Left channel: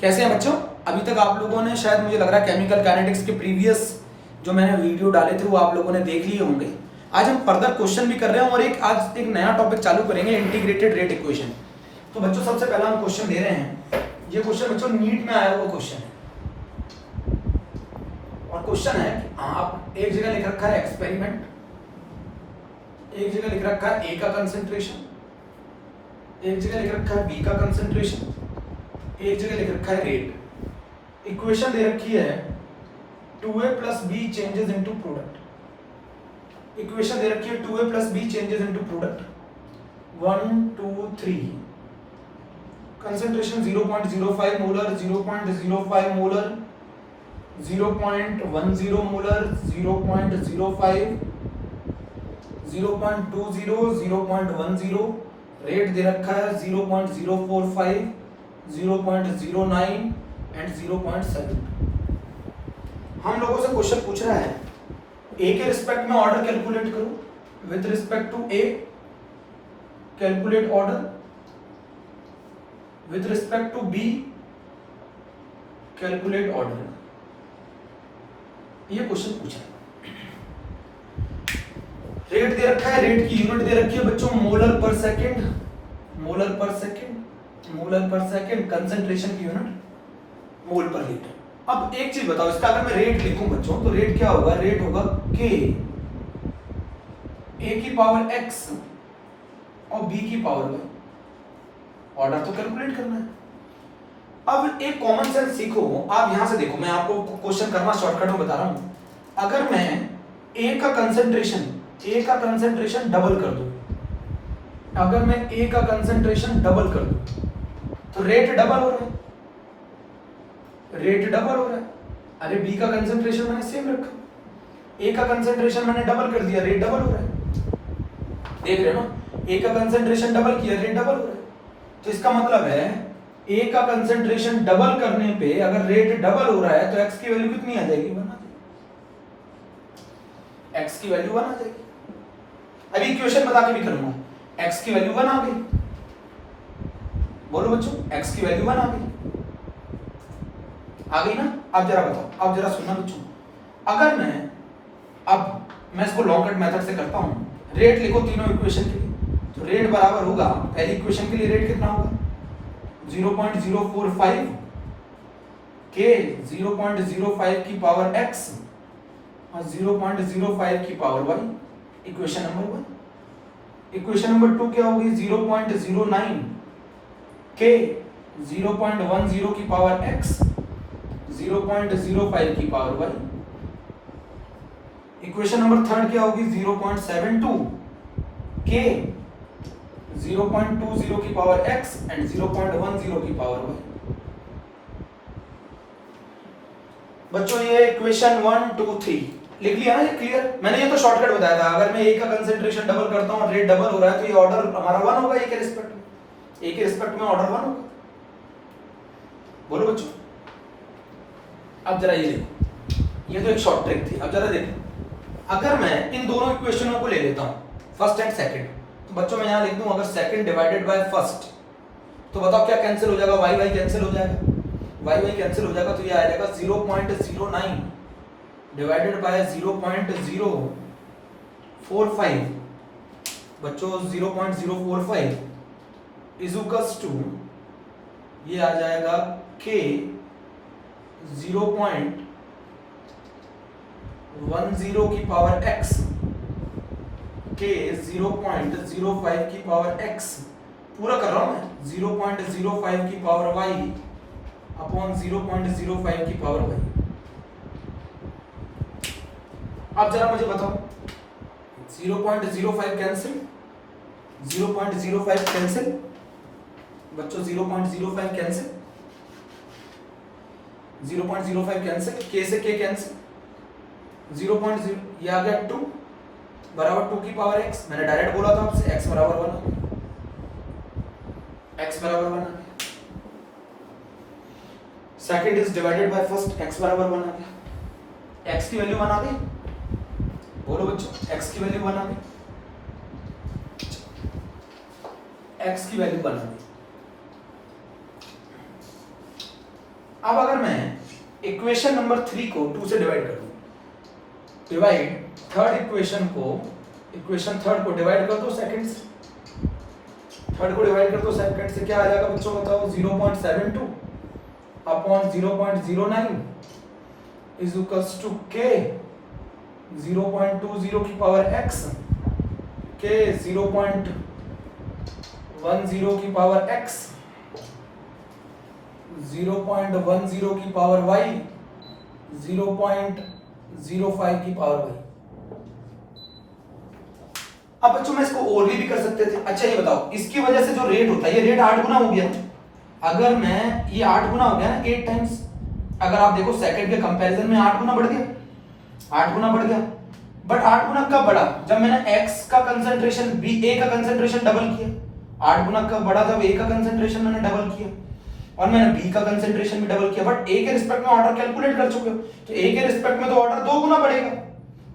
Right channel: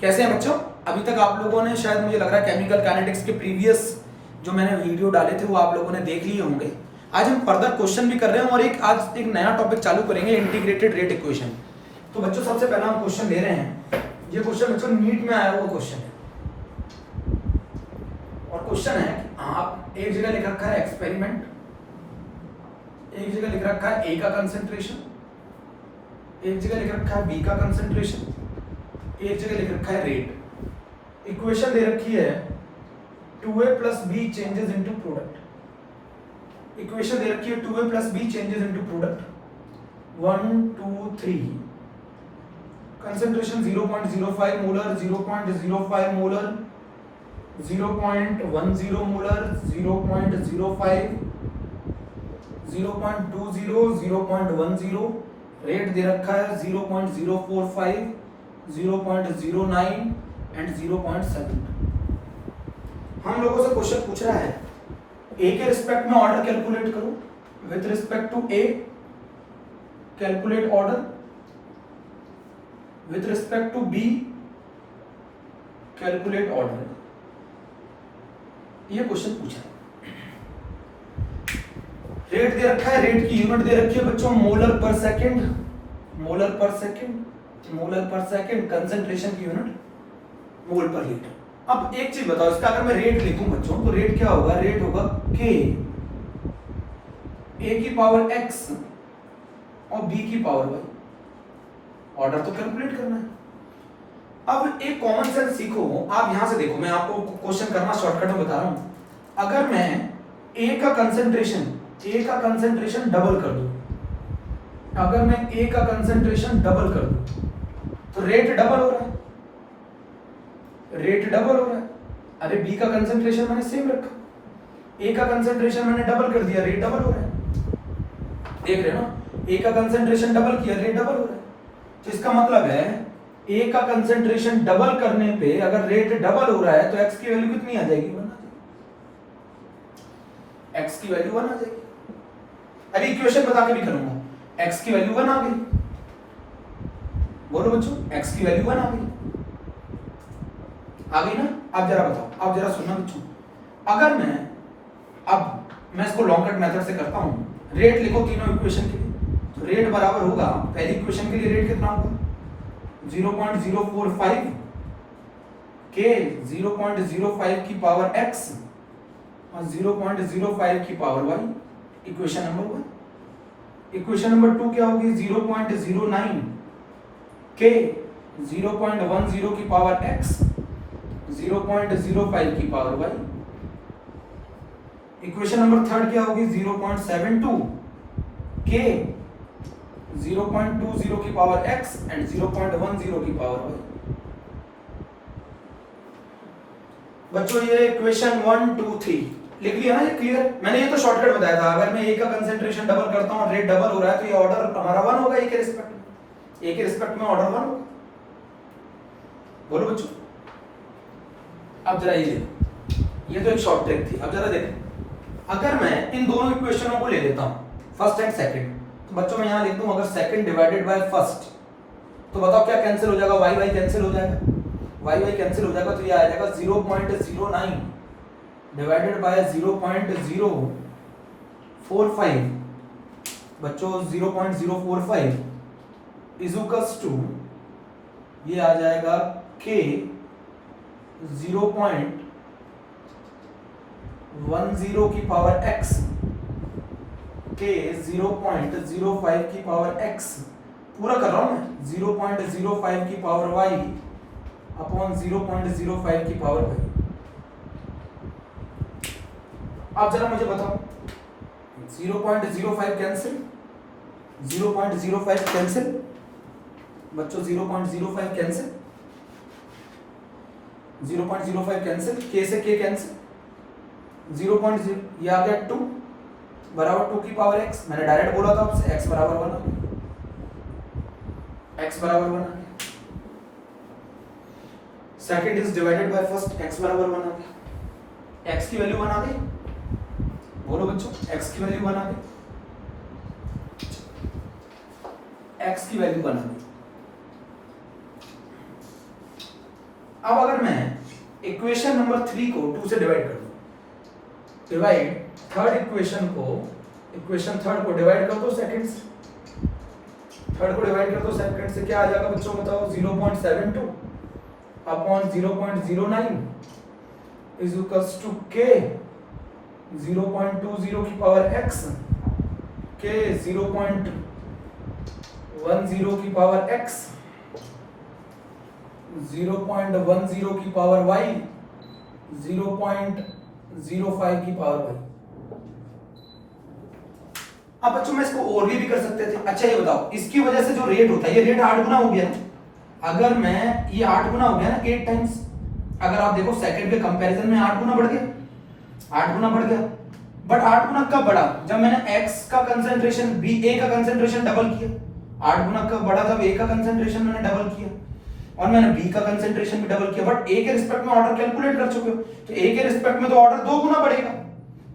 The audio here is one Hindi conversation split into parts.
कैसे हैं बच्चों? अभी तक आप लोगों ने शायद मुझे लग रहा है केमिकल काइनेटिक्स के प्रीवियस जो मैंने वीडियो डाले थे वो आप लोगों ने देख लिए होंगे। आज हम फर्दर क्वेश्चन भी कर रहे हैं और आज एक नया टॉपिक चालू करेंगे, इंटीग्रेटेड रेट इक्वेशन। तो बच्चों सबसे पहला हम क्वेश्चन ले रहे हैं। ये क्वेश्चन बच्चों नीट में आया हुआ क्वेश्चन है और क्वेश्चन है आप एक जगह लिख रखा है एक्सपेरिमेंट, एक जगह लिख रखा है ए का कंसेंट्रेशन, एक जगह लिख रखा है बी का कंसेंट्रेशन, एक जगह लिख रखा है रेट। इक्वेशन दे रखी है 2a plus b changes into product। Equation दे रखी है 2a plus b changes into product 1 2 3। Concentration 0.05 molar, 0.05 molar, 0.10 molar, 0.05, 0.20, 0.10। Rate दे रखा है 0.045, 0.09 एंड 0.7। हम लोगों से क्वेश्चन पूछ रहा है ए के रिस्पेक्ट में ऑर्डर कैलकुलेट करो, with respect to A calculate order, with respect to B calculate order. ये क्वेश्चन पूछा है। रेट दे रखा है, रेट की यूनिट दे रखी है बच्चों मोलर पर सेकेंड, मोलर पर सेकेंड, मोलर पर सेकेंड। कंसेंट्रेशन की यूनिट मोल पर लीटर। अब एक चीज बताओ, इसका अगर मैं रेट लिखूं बच्चों तो रेट क्या होगा? रेट होगा k a की पावर x और b की पावर y। ऑर्डर तो कैलकुलेट करना है। अब एक कॉमन सेंस सीखो। आप यहां से देखो, मैं आपको क्वेश्चन करना शॉर्टकट में बता रहा हूं। अगर मैं a का कंसेंट्रेशन डबल कर दूं, अगर मैं a का कंसेंट्रेशन डबल कर दूं तो रेट डबल हो रहा है, रेट डबल हो रहा है। अरे बी का कंसेंट्रेशन मैंने सेम रखा, ए का कंसेंट्रेशन मैंने डबल कर दिया, रेट डबल हो रहा है। देख रहे हो ना, ए का कंसेंट्रेशन डबल किया, रेट डबल हो रहा है। तो इसका मतलब है ए का कंसेंट्रेशन डबल करने पे अगर रेट डबल हो रहा है तो एक्स की वैल्यू कितनी आ जाएगी? 1 आ जाएगी। एक्स की वैल्यू 1 आ जाएगी। अभी इक्वेशन बता के भी करूंगा। एक्स की वैल्यू 1 आ गई। बोलो बच्चों, एक्स की वैल्यू 1 आ गई, आ गई ना? अब जरा बताओ, अब जरा सुनना बच्चों। अगर मैं इसको लॉन्ग कट मेथड से करता हूं। रेट लिखो तीनों इक्वेशन के लिए, तो रेट बराबर होगा, पहली इक्वेशन के लिए रेट कितना होगा? 0.045 के 0.05 की पावर x और 0.05 की पावर y। Equation number 1। Equation number 2 क्या होगी? 0.09 के 0.10 की पावर x, 0.05 की पावर y। इक्वेशन नंबर 3 क्या होगी? 0.72 के 0.20 की पावर x एंड 0.10 की पावर y। बच्चों ये इक्वेशन 1 2 3 लिख लिया ना? ये क्लियर? मैंने ये तो शॉर्टकट बताया था। अगर मैं ए का कंसेंट्रेशन डबल करता हूं और रेट डबल हो रहा है तो ये ऑर्डर हमारा 1 होगा ए के रिस्पेक्ट में। ए के रिस्पेक्ट में ऑर्डर 1 होगा। बोलो बच्चों। अब जरा ये देखो, ये तो एक शॉर्ट ट्रिक थी। अब जरा देखो, अगर मैं इन दोनों इक्वेशनों को ले लेता हूं, फर्स्ट एंड सेकंड, तो बच्चों मैं यहां लिख दूं अगर सेकंड डिवाइडेड बाय फर्स्ट, तो बताओ क्या कैंसिल हो जाएगा? वाई वाई कैंसिल हो जाएगा, वाई वाई कैंसिल हो जाएगा, तो ये आ जाएगा 0.09 डिवाइडेड बाय 0.045। बच्चों 0.045 इज टू ये आ जाएगा k 0.10 की पावर x के 0.05 की पावर x, पूरा कर रहा हूं मैं, 0.05 की पावर y अपॉन 0.05 की पावर y। अब जरा मुझे बताओ, 0.05 कैंसिल, 0.05 कैंसिल बच्चों, 0.05 कैंसिल, 0.05 कैंसिल, k से k कैंसिल, 0.0 ये आ गया 2 बराबर 2 की पावर x। मैंने डायरेक्ट बोला था आपसे x बराबर 1 आ गया, x बराबर 1 आ गया। Second is divided by first, x बराबर 1 आ गया। x की वैल्यू 1 आ गई। बोलो बच्चों, x की वैल्यू 1 आ गई, x की वैल्यू 1 आ गई। अब अगर मैं इक्वेशन नंबर 3 को 2 से डिवाइड कर दूं, डिवाइड थर्ड इक्वेशन को डिवाइड कर दो सेकंड से, थर्ड को डिवाइड कर दो सेकंड से, क्या आ जाएगा बच्चों बताओ? 0.72 upon 0.09 is equals to k 0.20 की पावर x, k 0.10 की पावर x, 0.10 की पावर y, 0.05 की पावर y। अब बच्चों मैं इसको ओरली भी कर सकते थे। अच्छा ये बताओ, इसकी वजह से जो रेट होता है, ये रेट 8 गुना हो गया। अगर मैं ये 8 गुना हो गया ना, 8 टाइम्स, अगर आप देखो सेकंड के कंपैरिजन में 8 गुना बढ़ गया, 8 गुना बढ़ गया। बट 8 गुना कब बढ़ा? जब मैंने x का कंसंट्रेशन a का कंसंट्रेशन डबल किया। 8 गुना कब बढ़ा? जब a का कंसंट्रेशन मैंने डबल किया और मैंने b का कंसंट्रेशन भी डबल किया। बट a के रिस्पेक्ट में ऑर्डर कैलकुलेट कर चुके हो, तो a के रिस्पेक्ट में तो ऑर्डर 2 गुना बढ़ेगा,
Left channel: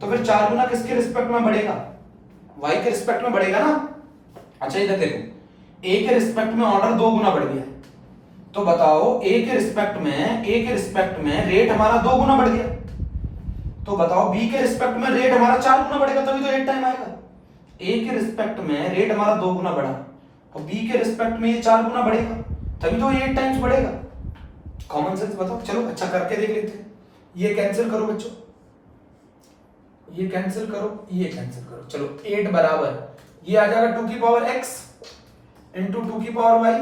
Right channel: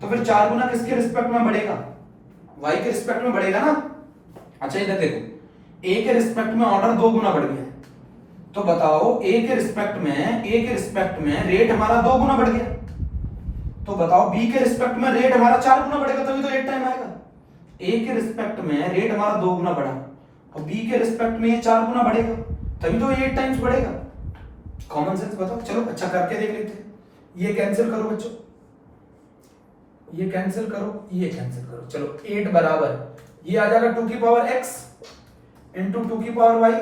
तो फिर 4 गुना किसके रिस्पेक्ट में बढ़ेगा? y के रिस्पेक्ट में बढ़ेगा ना। अच्छा इधर देखो, a के रिस्पेक्ट में ऑर्डर 2 गुना बढ़ गया, तो बताओ a के रिस्पेक्ट में रेट हमारा 2 गुना बढ़ गया, तो बताओ b के रिस्पेक्ट में रेट हमारा 4 गुना बढ़ेगा, तभी तो 8 टाइम आएगा। a के रिस्पेक्ट में रेट हमारा 2 गुना बढ़ा और b के रिस्पेक्ट में ये 4 गुना बढ़ेगा, तभी तो 8 टाइम्स बढ़ेगा। कॉमन सेंस बताओ। चलो अच्छा करके देख लेते हैं। ये कैंसिल करो बच्चों, ये कैंसिल करो, ये कैंसिल करो। चलो 8 बराबर ये आ जाएगा 2 की पावर x इंटू 2 की पावर y।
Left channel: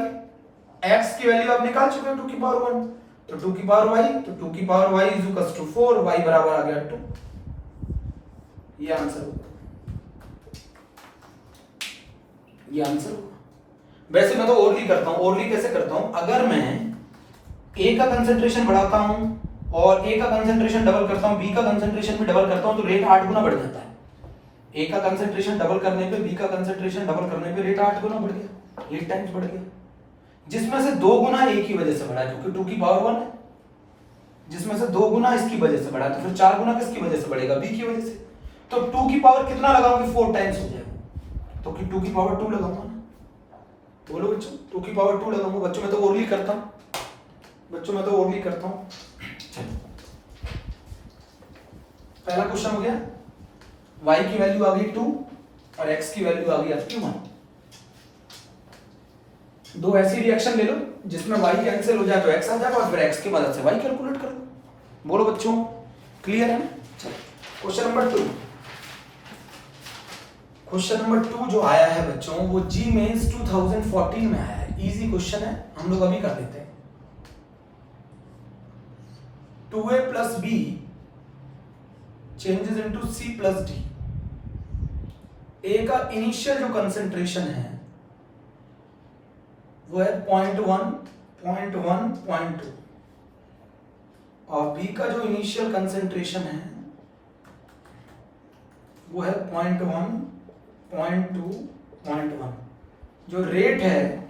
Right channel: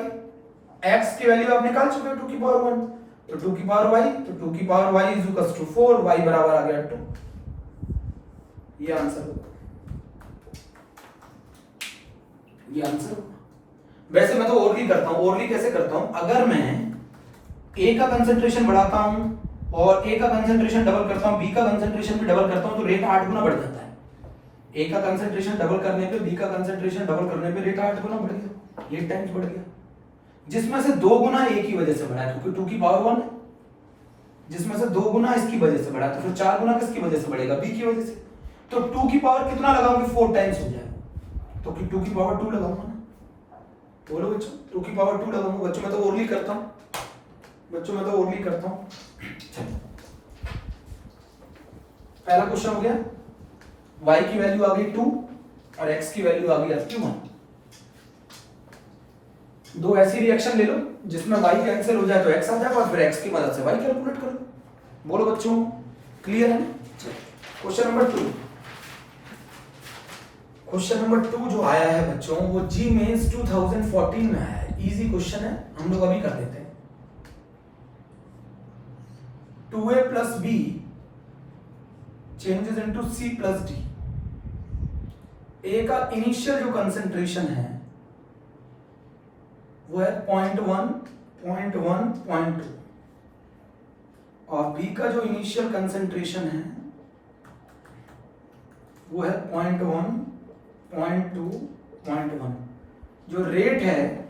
x की वैल्यू आप निकाल चुके हो 2 की पावर 1, तो 2 की पावर y, तो 2 की पावर y is equal to 4, y बराबर आ गया 2। ये आंसर होगा, ये आंसर होगा। वैसे मैं तो ओरली करता हूं। ओरली कैसे करता हूं? अगर मैं a का कंसंट्रेशन बढ़ाता हूं और a का कंसंट्रेशन डबल करता हूं, b का कंसंट्रेशन भी डबल करता हूं, तो रेट 8 गुना बढ़ जाता है। a का कंसंट्रेशन डबल करने पे b का कंसंट्रेशन डबल करने पे रेट 8 गुना बढ़ गया, 8 टाइम्स बढ़ गया। जिसमें से 2 गुना a की वजह से बढ़ा, क्योंकि 2 की पावर 1 है। जिसमें से 2 गुना इसकी वजह से बढ़ा, तो फिर 4 गुना किसकी वजह से बढ़ेगा? b की वजह से। तो 2 की पावर कितना लगाऊंगी? 4 टाइम्स हो जाएगा, तो 2 की पावर 2 लगाऊंगा ना। बोलो बच्चों, 2 की पावर 2 लगाऊंगा। बच्चों मैं तो ओरली करता हूं, बच्चों मैं तो ओरली करता हूं। पहला क्वेश्चन हो गया, y की वैल्यू आ गई 2 और x की वैल्यू आ गई आपकी 1। दो ऐसी रिएक्शन ले लो जिसमें y कैंसिल हो जाए तो x आ जाएगा और फिर x की मदद से y कैलकुलेट करो। बोलो बच्चों, क्लियर है? चलो क्वेश्चन नंबर 2। क्वेश्चन नंबर 2 जो आया है बच्चों, वो जी मेंस 2014 में आया है। इजी क्वेश्चन है, हम लोग अभी कर लेते हैं। 2a plus b changes into c plus d। a का इनिशियल जो कंसेंट्रेशन है वो है 0.1, 0.1, 0.2 और b का जो इनिशियल कंसेंट्रेशन है वो है 0.1, 0.2, 0.1। जो रेट है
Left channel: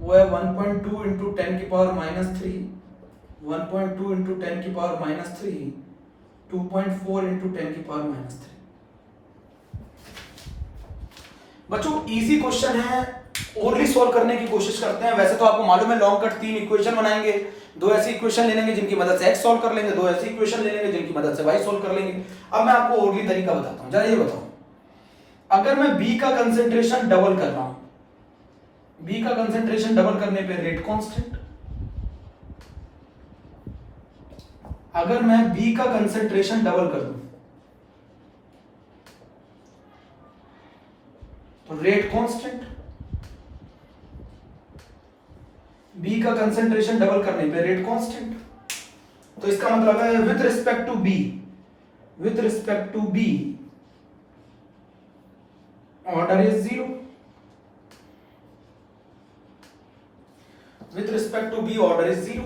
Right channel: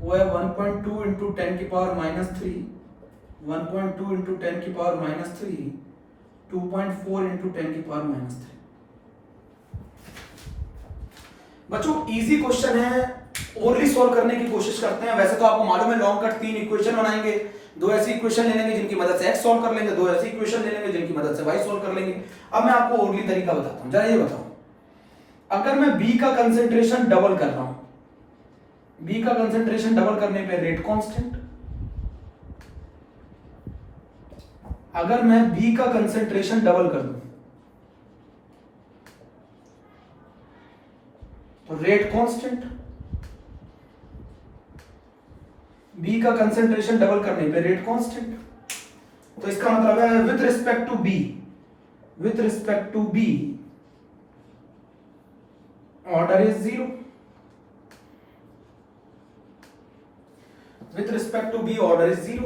वो है 1.2 इंटू 10 की पावर -3, 1.2 इंटू 10 की पावर -3, 2.4 इंटू 10 की पावर -3। बच्चों इजी क्वेश्चन है, ओरली सॉल्व करने की कोशिश करते हैं। वैसे तो आपको मालूम है लॉन्ग कट 3 इक्वेशन बनाएंगे, 2 ऐसी इक्वेशन ले लेंगे जिनकी मदद से x सॉल्व कर लेंगे, 2 ऐसी इक्वेशन ले लेंगे जिनकी मदद से y सॉल्व कर लेंगे। अब मैं आपको ओरली तरीका बताता हूं। जरा ये बताओ, अगर मैं b का कंसेंट्रेशन डबल कर रहा हूं, b का कंसेंट्रेशन डबल करने पे रेट कांस्टेंट। अगर मैं b का कंसेंट्रेशन डबल कर दूं तो रेट कांस्टेंट। b का कंसेंट्रेशन डबल करने पे रेट कांस्टेंट। तो इसका मतलब है with respect to b, with respect to b order is 0, with respect to b order is 0।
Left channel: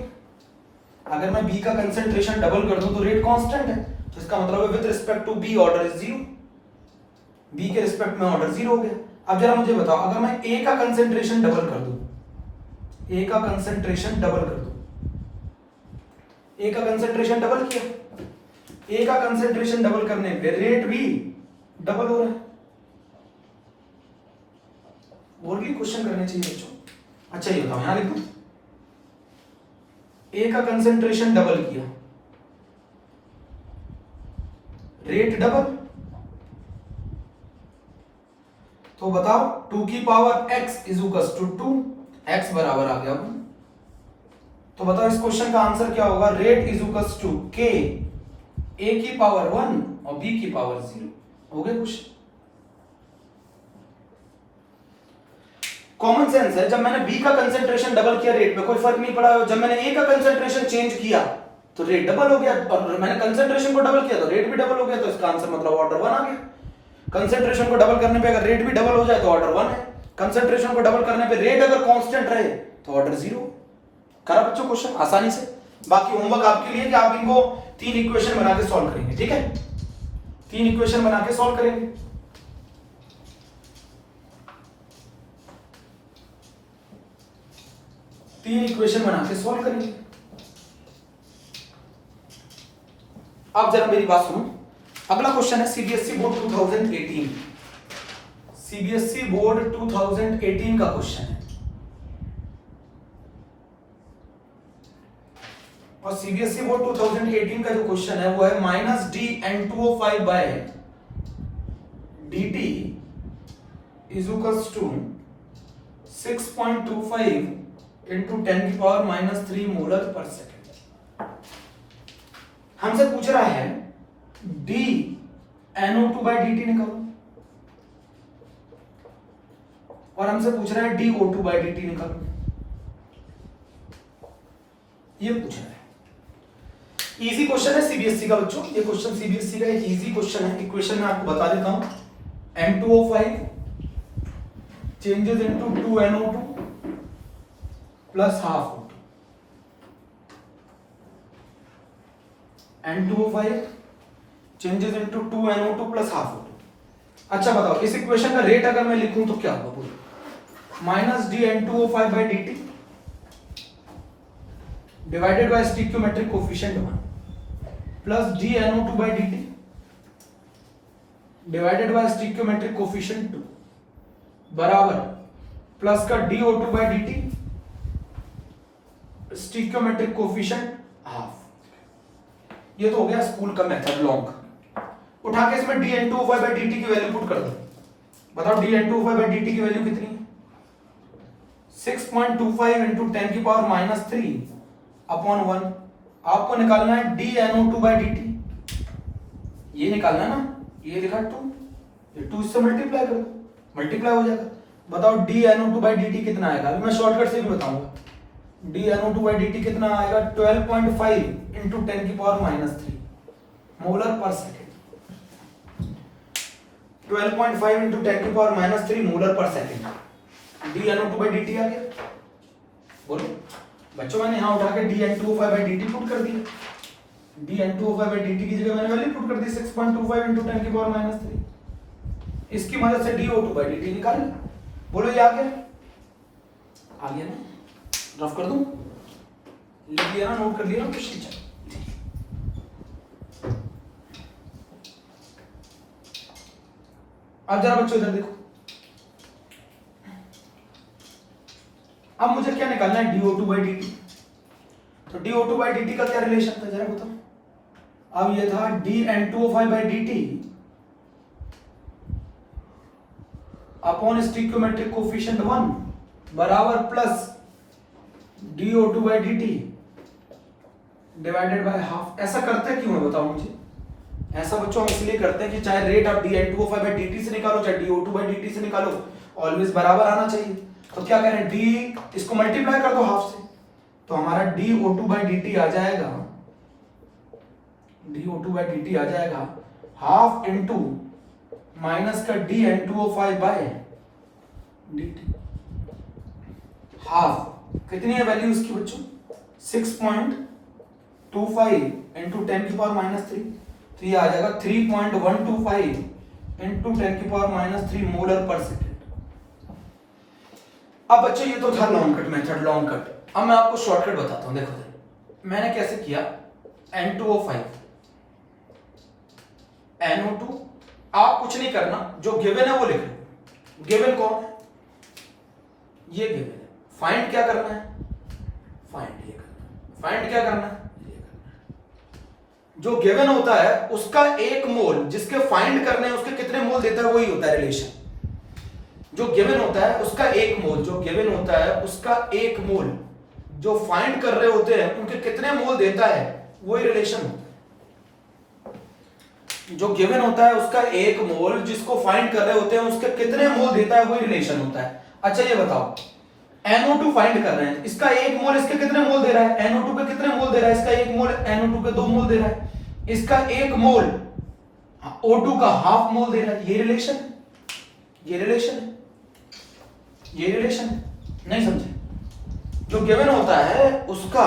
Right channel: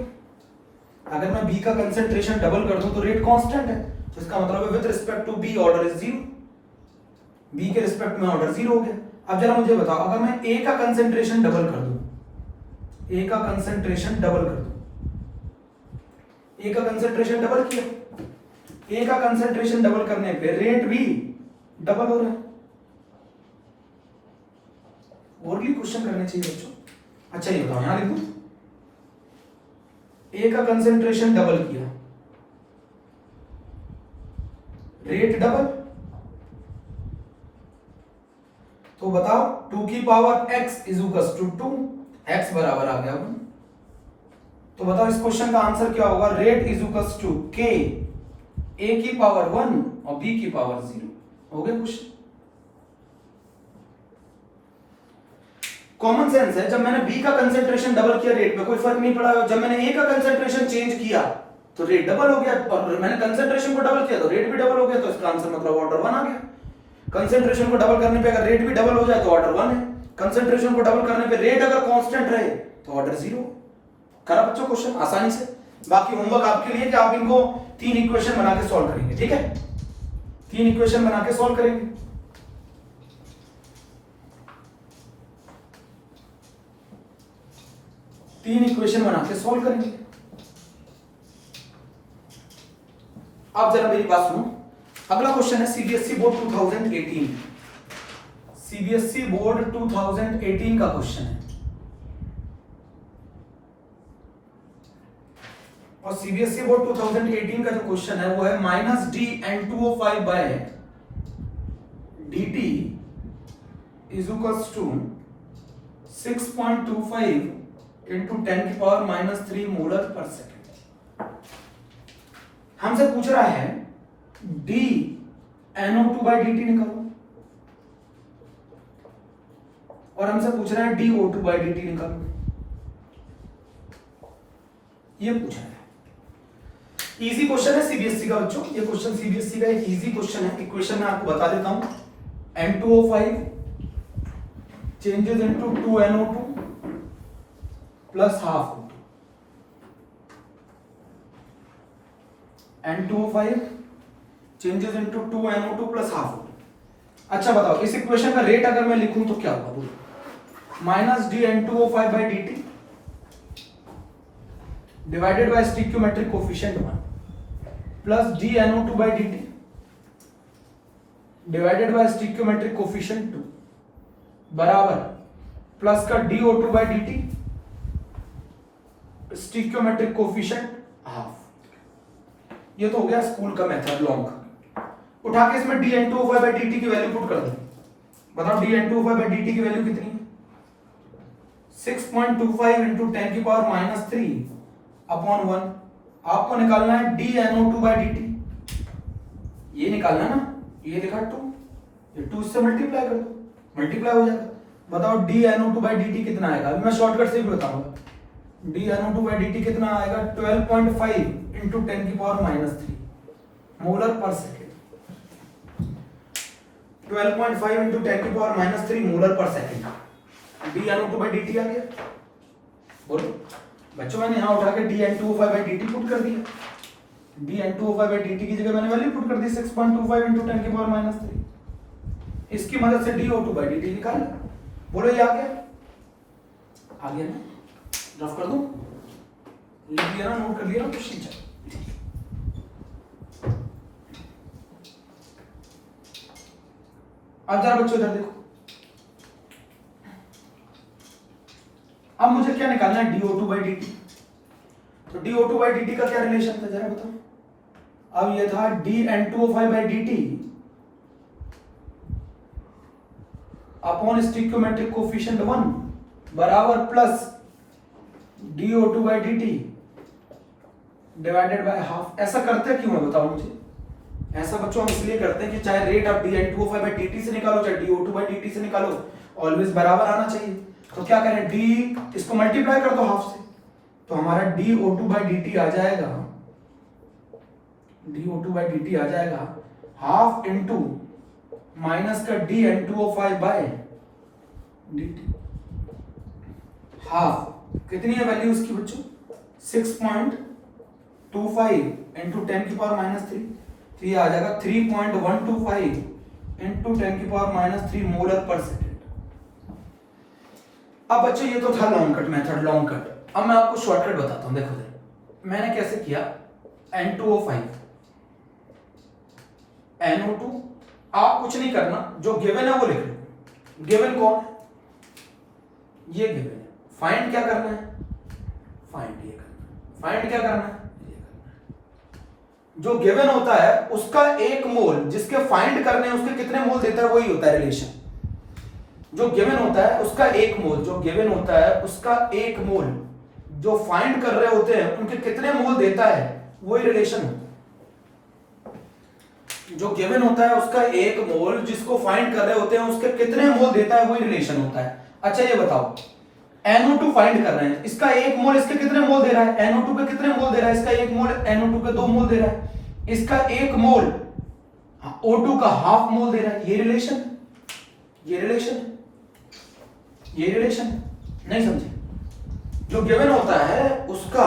अगर मैं b का कंसेंट्रेशन डबल कर दूं तो रेट कांस्टेंट है, तो इसका मतलब है with respect to b order is 0, b के रिस्पेक्ट में ऑर्डर 0 हो गया। अब जरा मुझे बताओ, अगर मैं a का कंसेंट्रेशन डबल कर दूं, a का कंसेंट्रेशन डबल कर दूं, a का कंसेंट्रेशन डबल किया, a का कंसेंट्रेशन डबल करने पे रेट भी डबल हो रहा है। और भी क्वेश्चन करने चाहिए बच्चों। अच्छा ये बताओ, यहां लिख दूं, ए का कंसेंट्रेशन डबल किया, रेट डबल, तो बताओ 2 की power x is equals to 2, x बराबर आ गया 1। तो बताओ इस क्वेश्चन का आंसर क्या होगा? Rate is equals to k a की पावर 1 और b की पावर 0। हो गया क्वेश्चन। कॉमन सेंस है, जब मैंने b का कंसेंट्रेशन डबल किया रेट में कोई फर्क नहीं पड़ा, जब मैंने a का कंसेंट्रेशन चेंज किया तो रेट डबल हो गया, और मैंने कंसेंट्रेशन को डबल किया तो रेट भी डबल हो गया, तो इसका आंसर मतलब ऑर्डर 1 आ गया। कंसेंट्रेशन को डबल करने पे अगर रेट भी डबल हो जाए तो ऑर्डर 1 है, कंसेंट्रेशन को डबल करने पे रेट अगर कांस्टेंट रहे तो ऑर्डर 0। करा बच्चों क्वेश्चन आसानी से। बाकी होमवर्क आपके लिए कि आप इनको 3 इक्वेशन बना के सॉल्व करेंगे, ठीक है? 3 इक्वेशन बना के सॉल्व करेंगे। तीन इक्वेशन बना के सॉल्व करेंगे। अब जरा मेरी बात सुनो, अगला क्वेश्चन है सीबीएसई बोर्ड 2018। सीबीएसई बोर्ड 2018 का क्वेश्चन है, और सीबीएसई बोर्ड 2018 का जो क्वेश्चन है वो है -dn2O5 by dt is equals to 6.25 into 10 की पावर -3 मोलर पर सेकेंड। हमसे पूछ रहा है dNO2 बाय dt निकालो, और हमसे पूछ रहा है dO2 बाय dt निकालो। ये पूछ रहा है। इजी क्वेश्चन है सीबीएसई का बच्चों, ये क्वेश्चन सीबीएसई का एक इजी क्वेश्चन है। इक्वेशन में आपको बता देता हूं, N2O5 changes into 2NO2 plus half O2। N2O5 changes into 2NO2 plus half O2। अच्छा बताओ, इस इक्वेशन का रेट अगर मैं लिखूं तो क्या होगा? बोलो, -dN2O5 by dt divided by stoichiometric coefficient 1 plus dNO2 by dt divided by stoichiometric coefficient 2 बराबर प्लस का dO2 by dt stoichiometric coefficient half. ये तो हो गया स्कूल का मेथड लॉन्ग का। उठा के इसमें dN2O5 बाय dt की वैल्यू पुट कर दो। बताओ dN2O5 बाय dt की वैल्यू कितनी है? 6.25 इंटू 10 की पावर -3 अपॉन 1। आपको निकालना है dNO2 बाय dt, ये निकालना है ना, ये लिखा 2, ये 2 इससे मल्टीप्लाई कर दो, मल्टीप्लाई हो जाएगा। बताओ dNO2 बाय dt कितना आएगा? अभी मैं शॉर्टकट से भी बताऊंगा। dNO2 बाय dt कितना आएगा? 12.5 इंटू 10 की पावर -3 मोलर पर सेकेंड। 12.5 इंटू 10 की पावर -3 मोलर पर सेकेंड। dNO2 बाय dt आ गया। बोलो बच्चों, मैंने यहां उठा के dN2O5 बाय dt पुट कर दिया। dN2O5 बाय dt की जगह मैंने वैल्यू पुट कर दी 6.25 इंटू 10 की पावर -3। इसकी मदद से dO2 बाय dt निकाल। बोलो ये आ गया? आ गया ना? रफ कर दूं? लिख लिया ना, नोट कर लिया ना क्वेश्चन? अब जरा बच्चों इधर देखो, अब मुझे क्या निकालना है? dO2 by dt। तो dO2 बाय dt का क्या रिलेशन था जरा बताओ। अब ये था dN2O5 by dt upon stoichiometric coefficient 1 बराबर plus dO2 by dt divided by half. ऐसा करते क्यों है बताओ मुझे? ऐसा बच्चों हम इसलिए करते हैं कि चाहे रेट आप dN2O5 बाय dt से निकालो चाहे dO2 बाय dt से निकालो, ऑलवेज बराबर आना चाहिए। तो क्या करें, d इसको मल्टीप्लाई कर दो हाफ से, तो हमारा dO2 बाय dt आ जाएगा, dO2 बाय dt आ जाएगा हाफ इंटू माइनस का dN2O5 बाय dt। हाफ कितनी है वैल्यू इसकी बच्चों? 6.25 इंटू 10 की पावर -3, तो ये आ जाएगा 3.125 इंटू 10 की पावर -3 मोलर पर सेकेंड। अब बच्चों ये तो था long cut method, long cut. अब मैं आपको शॉर्टकट बताता हूं। देखो मैंने कैसे किया, N2O5 NO2, आप कुछ नहीं करना, जो गिवन है वो लिख लो। गिवन कौन है? ये गिवन है। फाइंड क्या करना है? फाइंड ये करना है। फाइंड क्या करना है, जो गिवन होता है उसका एक मोल जिसके फाइंड करने हैं उसके कितने मोल देता है, वही होता है रिलेशन। जो गिवन होता है उसका एक मोल, जो गिवन होता है उसका एक मोल जो फाइंड कर रहे होते हैं उनके कितने मोल देता है, वही रिलेशन होता है। जो गिवन होता है उसका एक मोल जिसको फाइंड कर रहे होते हैं उसके कितने मोल देता है, वही रिलेशन होता है। अच्छा ये बताओ, NO2 फाइंड कर रहे हैं, इसका एक मोल इसके कितने मोल दे रहा है, NO2 के कितने मोल दे रहा है, इसका एक मोल NO2 के 2 मोल दे रहा है, इसका एक मोल O2 का हाफ मोल दे रहा है। ये रिलेशन है, ये रिलेशन है, ये रिलेशन है, नहीं समझे? जो गिवन होता है उसका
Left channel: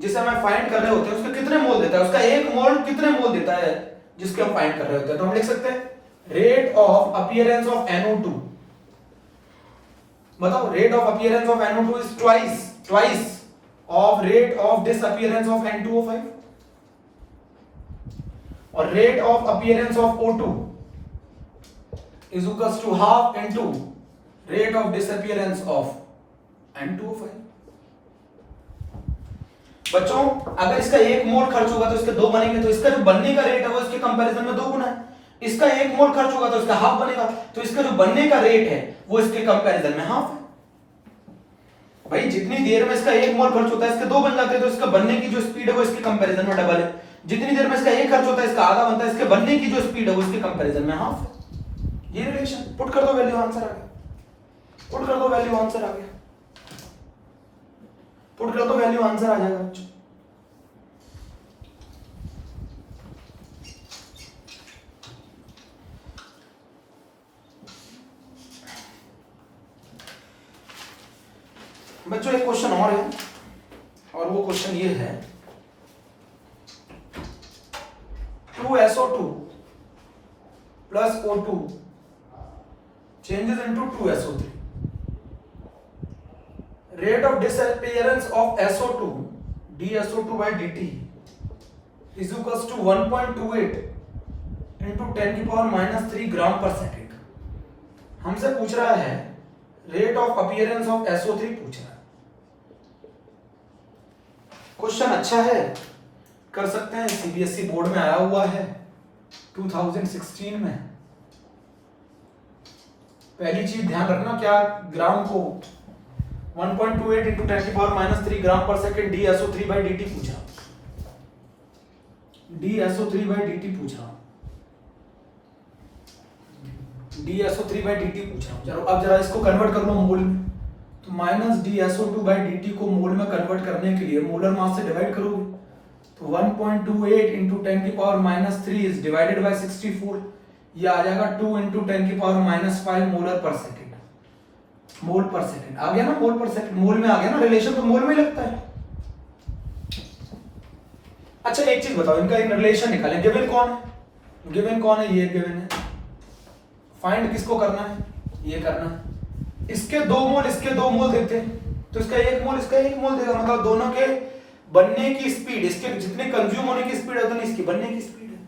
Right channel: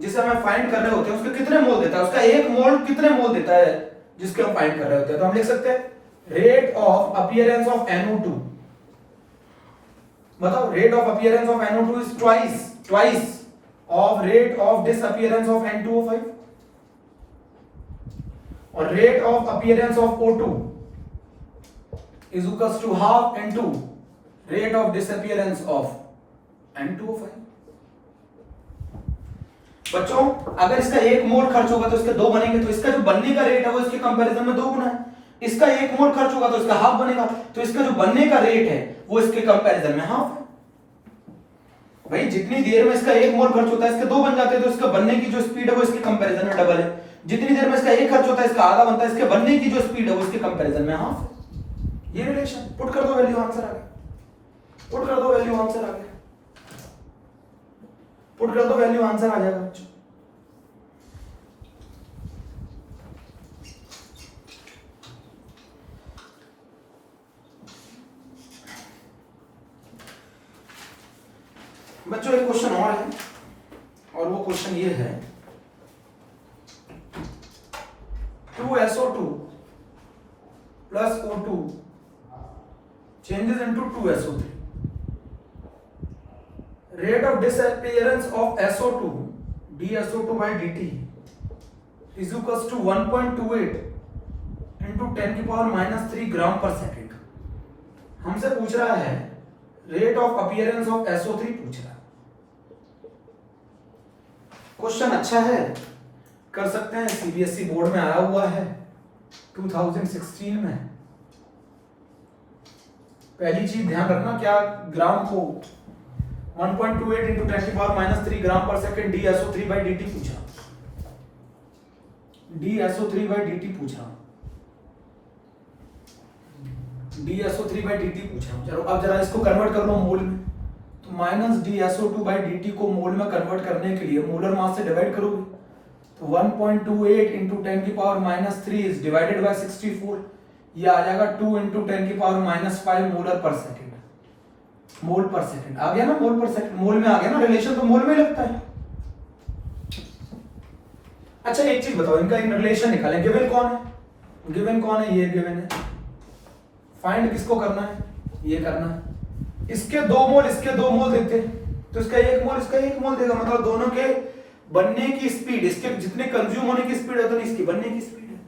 जिसे हम फाइंड कर रहे होते हैं उसके कितने मोल देता है, उसका एक मोल कितने मोल देता है जिसके हम फाइंड कर रहे होते हैं। तो हम लिख सकते हैं rate of appearance of NO2, बताओ rate of appearance of NO2 is twice of rate of disappearance of N2O5, और rate of appearance of O2 is equals to half into rate of disappearance of N2O5। बच्चों अगर इसका एक मोल खर्च होगा तो इसके दो बनेंगे, तो इसका जो बनने का रेट है वो इसके कंपैरिजन में 2 गुना है। इसका एक मोल खर्च होगा तो इसका हाफ बनेगा, तो इसका जो बनने का रेट है वो इसके कंपैरिजन में हाफ है। भाई जितनी देर में इसका एक मोल खर्च होता है इसके 2 बन जाते हैं, तो इसका बनने की जो स्पीड है वो इसके कंपैरिजन में डबल है। जितनी देर में इसका एक खर्च होता है इसका आधा बनता है, इसके बनने की जो स्पीड है वो इसके कंपैरिजन में हाफ है। ये रिलेशन पुट कर दो, वैल्यू आंसर आ गया, पुट कर दो वैल्यू आंसर आ गया, पुट कर दो वैल्यू आंसर आ जाएगा बच्चों। बच्चों एक क्वेश्चन और है, और वो क्वेश्चन ये है 2SO2 plus O2 changes into 2SO3. Rate of disappearance of SO2 dSO2 by dt is equals to 1.28 into 10 की पावर -3 ग्राम पर सेकेंड। हमसे पूछ रहा है rate of appearance of SO3 पूछ रहा है। क्वेश्चन अच्छा है, कर सकते हैं, CBSE बोर्ड में आया हुआ है 2016 में। पहली चीज ध्यान रखना, क्या ग्राम को 1.28 into 10 की पावर -3 ग्राम पर सेकेंड dSO3 by dt पूछा, dSO3 by dt पूछा, dSO3 by dt पूछा। चलो अब जरा इसको कन्वर्ट कर लो मोल में, तो -dSO2 by dt को मोल में कन्वर्ट करने के लिए मोलर मास से डिवाइड करोगे, तो 1.28 into 10 की पावर -3 इज डिवाइडेड बाय 64, ये आ जाएगा 2 into 10 की पावर -5 मोलर पर सेकेंड। मोल पर सेकेंड आ गया ना, मोल पर सेकेंड मोल में आ गया ना, रिलेशन तो मोल में लगता है। अच्छा एक चीज बताओ, इनका इन रिलेशन निकालें। गिवन कौन है, गिवन कौन है, ये गिवन है। फाइंड किसको करना है, ये करना है। इसके 2 मोल इसके 2 मोल देते हैं, तो इसका एक मोल इसका एक मोल देगा, मतलब दोनों के बनने की स्पीड, इसके जितने कंज्यूम होने की स्पीड है उतनी इसकी बनने की स्पीड है,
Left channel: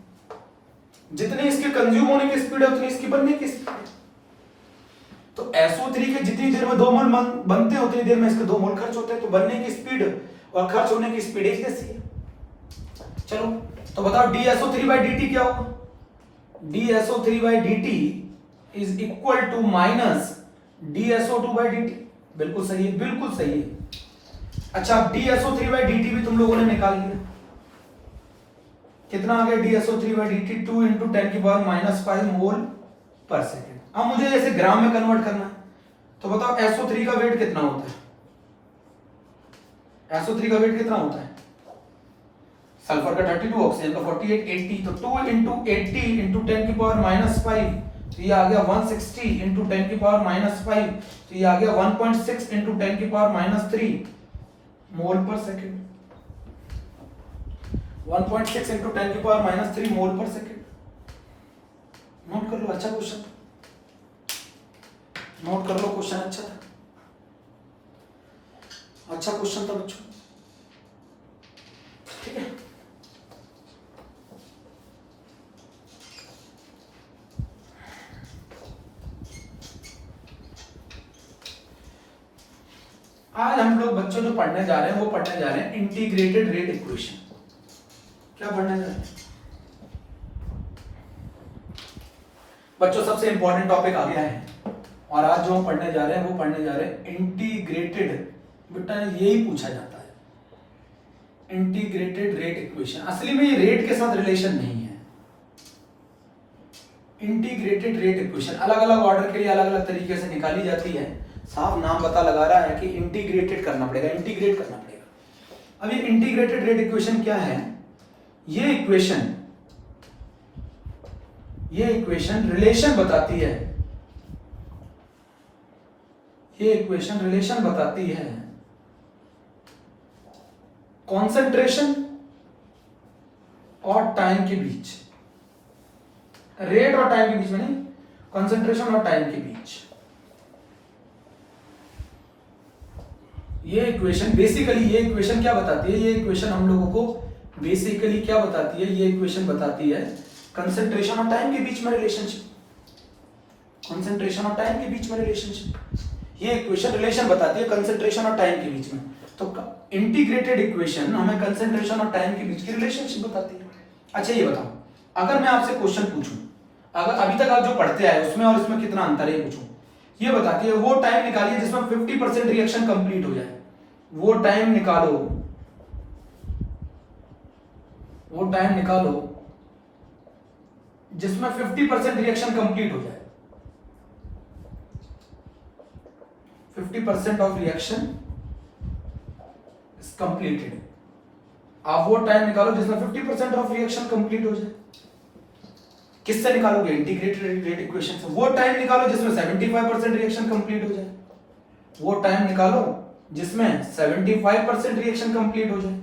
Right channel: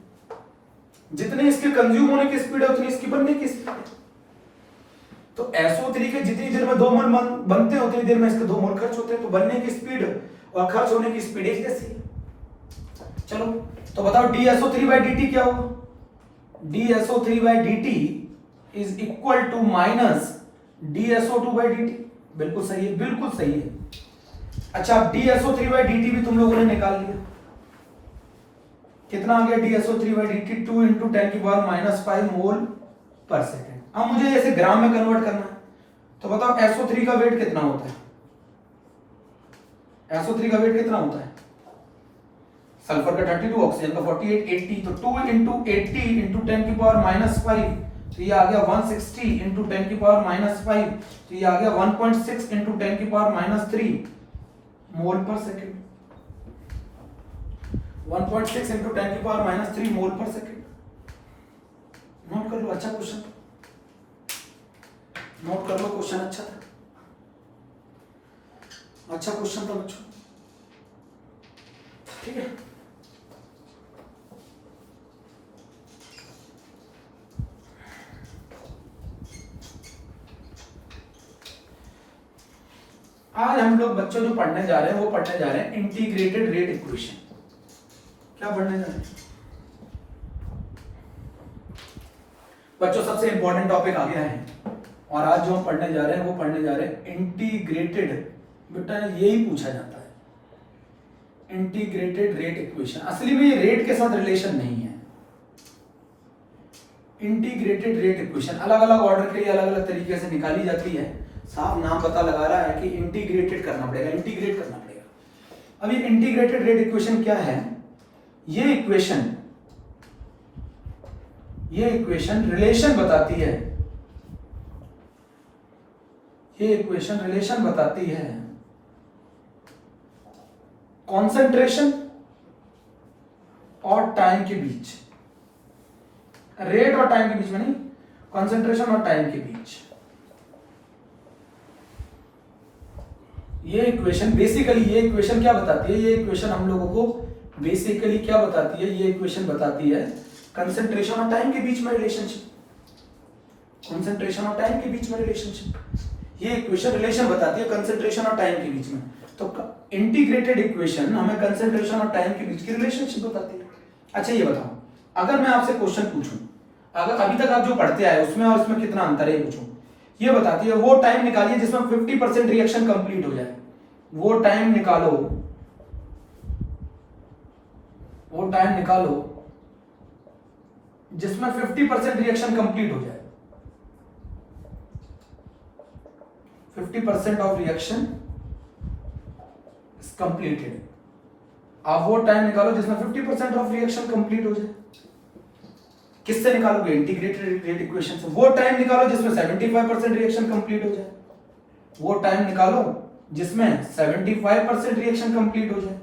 जितनी इसके कंज्यूम होने की स्पीड है उतनी इसकी बनने की स्पीड है। तो SO3 के जितनी देर में 2 मोल बनते हैं उतनी देर में इसके 2 मोल खर्च होते हैं, तो बनने की स्पीड और खर्च होने की स्पीड एक जैसी है। चलो तो बताओ dSO3 by dt क्या होगा, dSO3 by dt is equal to minus dSO2 by dt। बिल्कुल सही है, बिल्कुल सही है। अच्छा अब dSO3 by dt भी तुम लोगों ने निकाल लिया, कितना आ गया dSO3 by dt 2 into 10 की पावर -5 मोल पर सेकेंड। अब मुझे जैसे ग्राम में कन्वर्ट करना है, तो बताओ SO3 का वेट कितना होता है, SO3 का वेट कितना होता है, सल्फर का 32, ऑक्सीजन का 48, 80, तो 2 into 80 into 10 की पावर -5, तो ये आ गया 160 into 10 की पावर -5, तो ये आ गया 1.6 into 10 की पावर -3 मोल पर सेकेंड। 1.6 into 10 की पावर -3 मोल पर सेकेंड। नोट कर लो, अच्छा क्वेश्चन, नोट कर लो, क्वेश्चन अच्छा था, अच्छा क्वेश्चन था बच्चों, ठीक है। आज हम लोग बच्चों जो पढ़ने जा रहे हैं वो पढ़ने जा रहे हैं इंटीग्रेटेड रेट इक्वेशन। क्या पढ़ने जा रहे हैं बच्चों? सबसे इंपॉर्टेंट टॉपिक आ गया है और आज जो हम पढ़ने जा रहे हैं वो पढ़ने जा रहे हैं इंटीग्रेटेड। बेटा यही पूछा जाता है इंटीग्रेटेड रेट इक्वेशन। असली में ये रेट के साथ रिलेशन नहीं है। इंटीग्रेटेड रेट इक्वेशन अलग अलग ऑर्डर के लिए अलग अलग तरीके से निकाली जाती है। साफ नाम पता लगा रहा है कि इंटीग्रेटेड करना पड़ेगा, इंटीग्रेट करना पड़ेगा। अब ये इंटीग्रेटेड रेट इक्वेशन क्या है? ये इक्वेशन रिलेशन बताती है। ये इक्वेशन रिलेशन बताती है कॉन्सेंट्रेशन और टाइम के बीच, रेट और टाइम के बीच में नहीं, कॉन्सेंट्रेशन और टाइम के बीच। ये इक्वेशन बेसिकली, ये इक्वेशन क्या बताती है? ये इक्वेशन हम लोगों को बेसिकली क्या बताती है? ये इक्वेशन बताती है कंसंट्रेशन और टाइम के बीच में रिलेशनशिप। कंसंट्रेशन और टाइम के बीच में रिलेशनशिप। ये इक्वेशन रिलेशन बताती है कंसंट्रेशन और टाइम के बीच में। तो इंटीग्रेटेड इक्वेशन हमें कंसंट्रेशन और टाइम के बीच की रिलेशनशिप बताती है। अच्छा ये बताओ, अगर मैं आपसे क्वेश्चन पूछूं, अगर अभी तक आप जो पढ़ते आए उसमें और इसमें कितना अंतर है पूछूं, ये बताती है वो टाइम निकालिए जिसमें 50% रिएक्शन कंप्लीट हो जाए। वो टाइम निकालो, वो टाइम निकालो जिसमें 50% रिएक्शन कंप्लीट हो जाए। 50% ऑफ रिएक्शन इज कंप्लीटेड। आप वो टाइम निकालो जिसमें 50% ऑफ रिएक्शन कंप्लीट हो जाए। किससे निकालोगे? इंटीग्रेटेड रेट इक्वेशन से। वो टाइम निकालो जिसमें 75% रिएक्शन कंप्लीट हो जाए। वो टाइम निकालो जिसमें 75% रिएक्शन कंप्लीट हो जाए।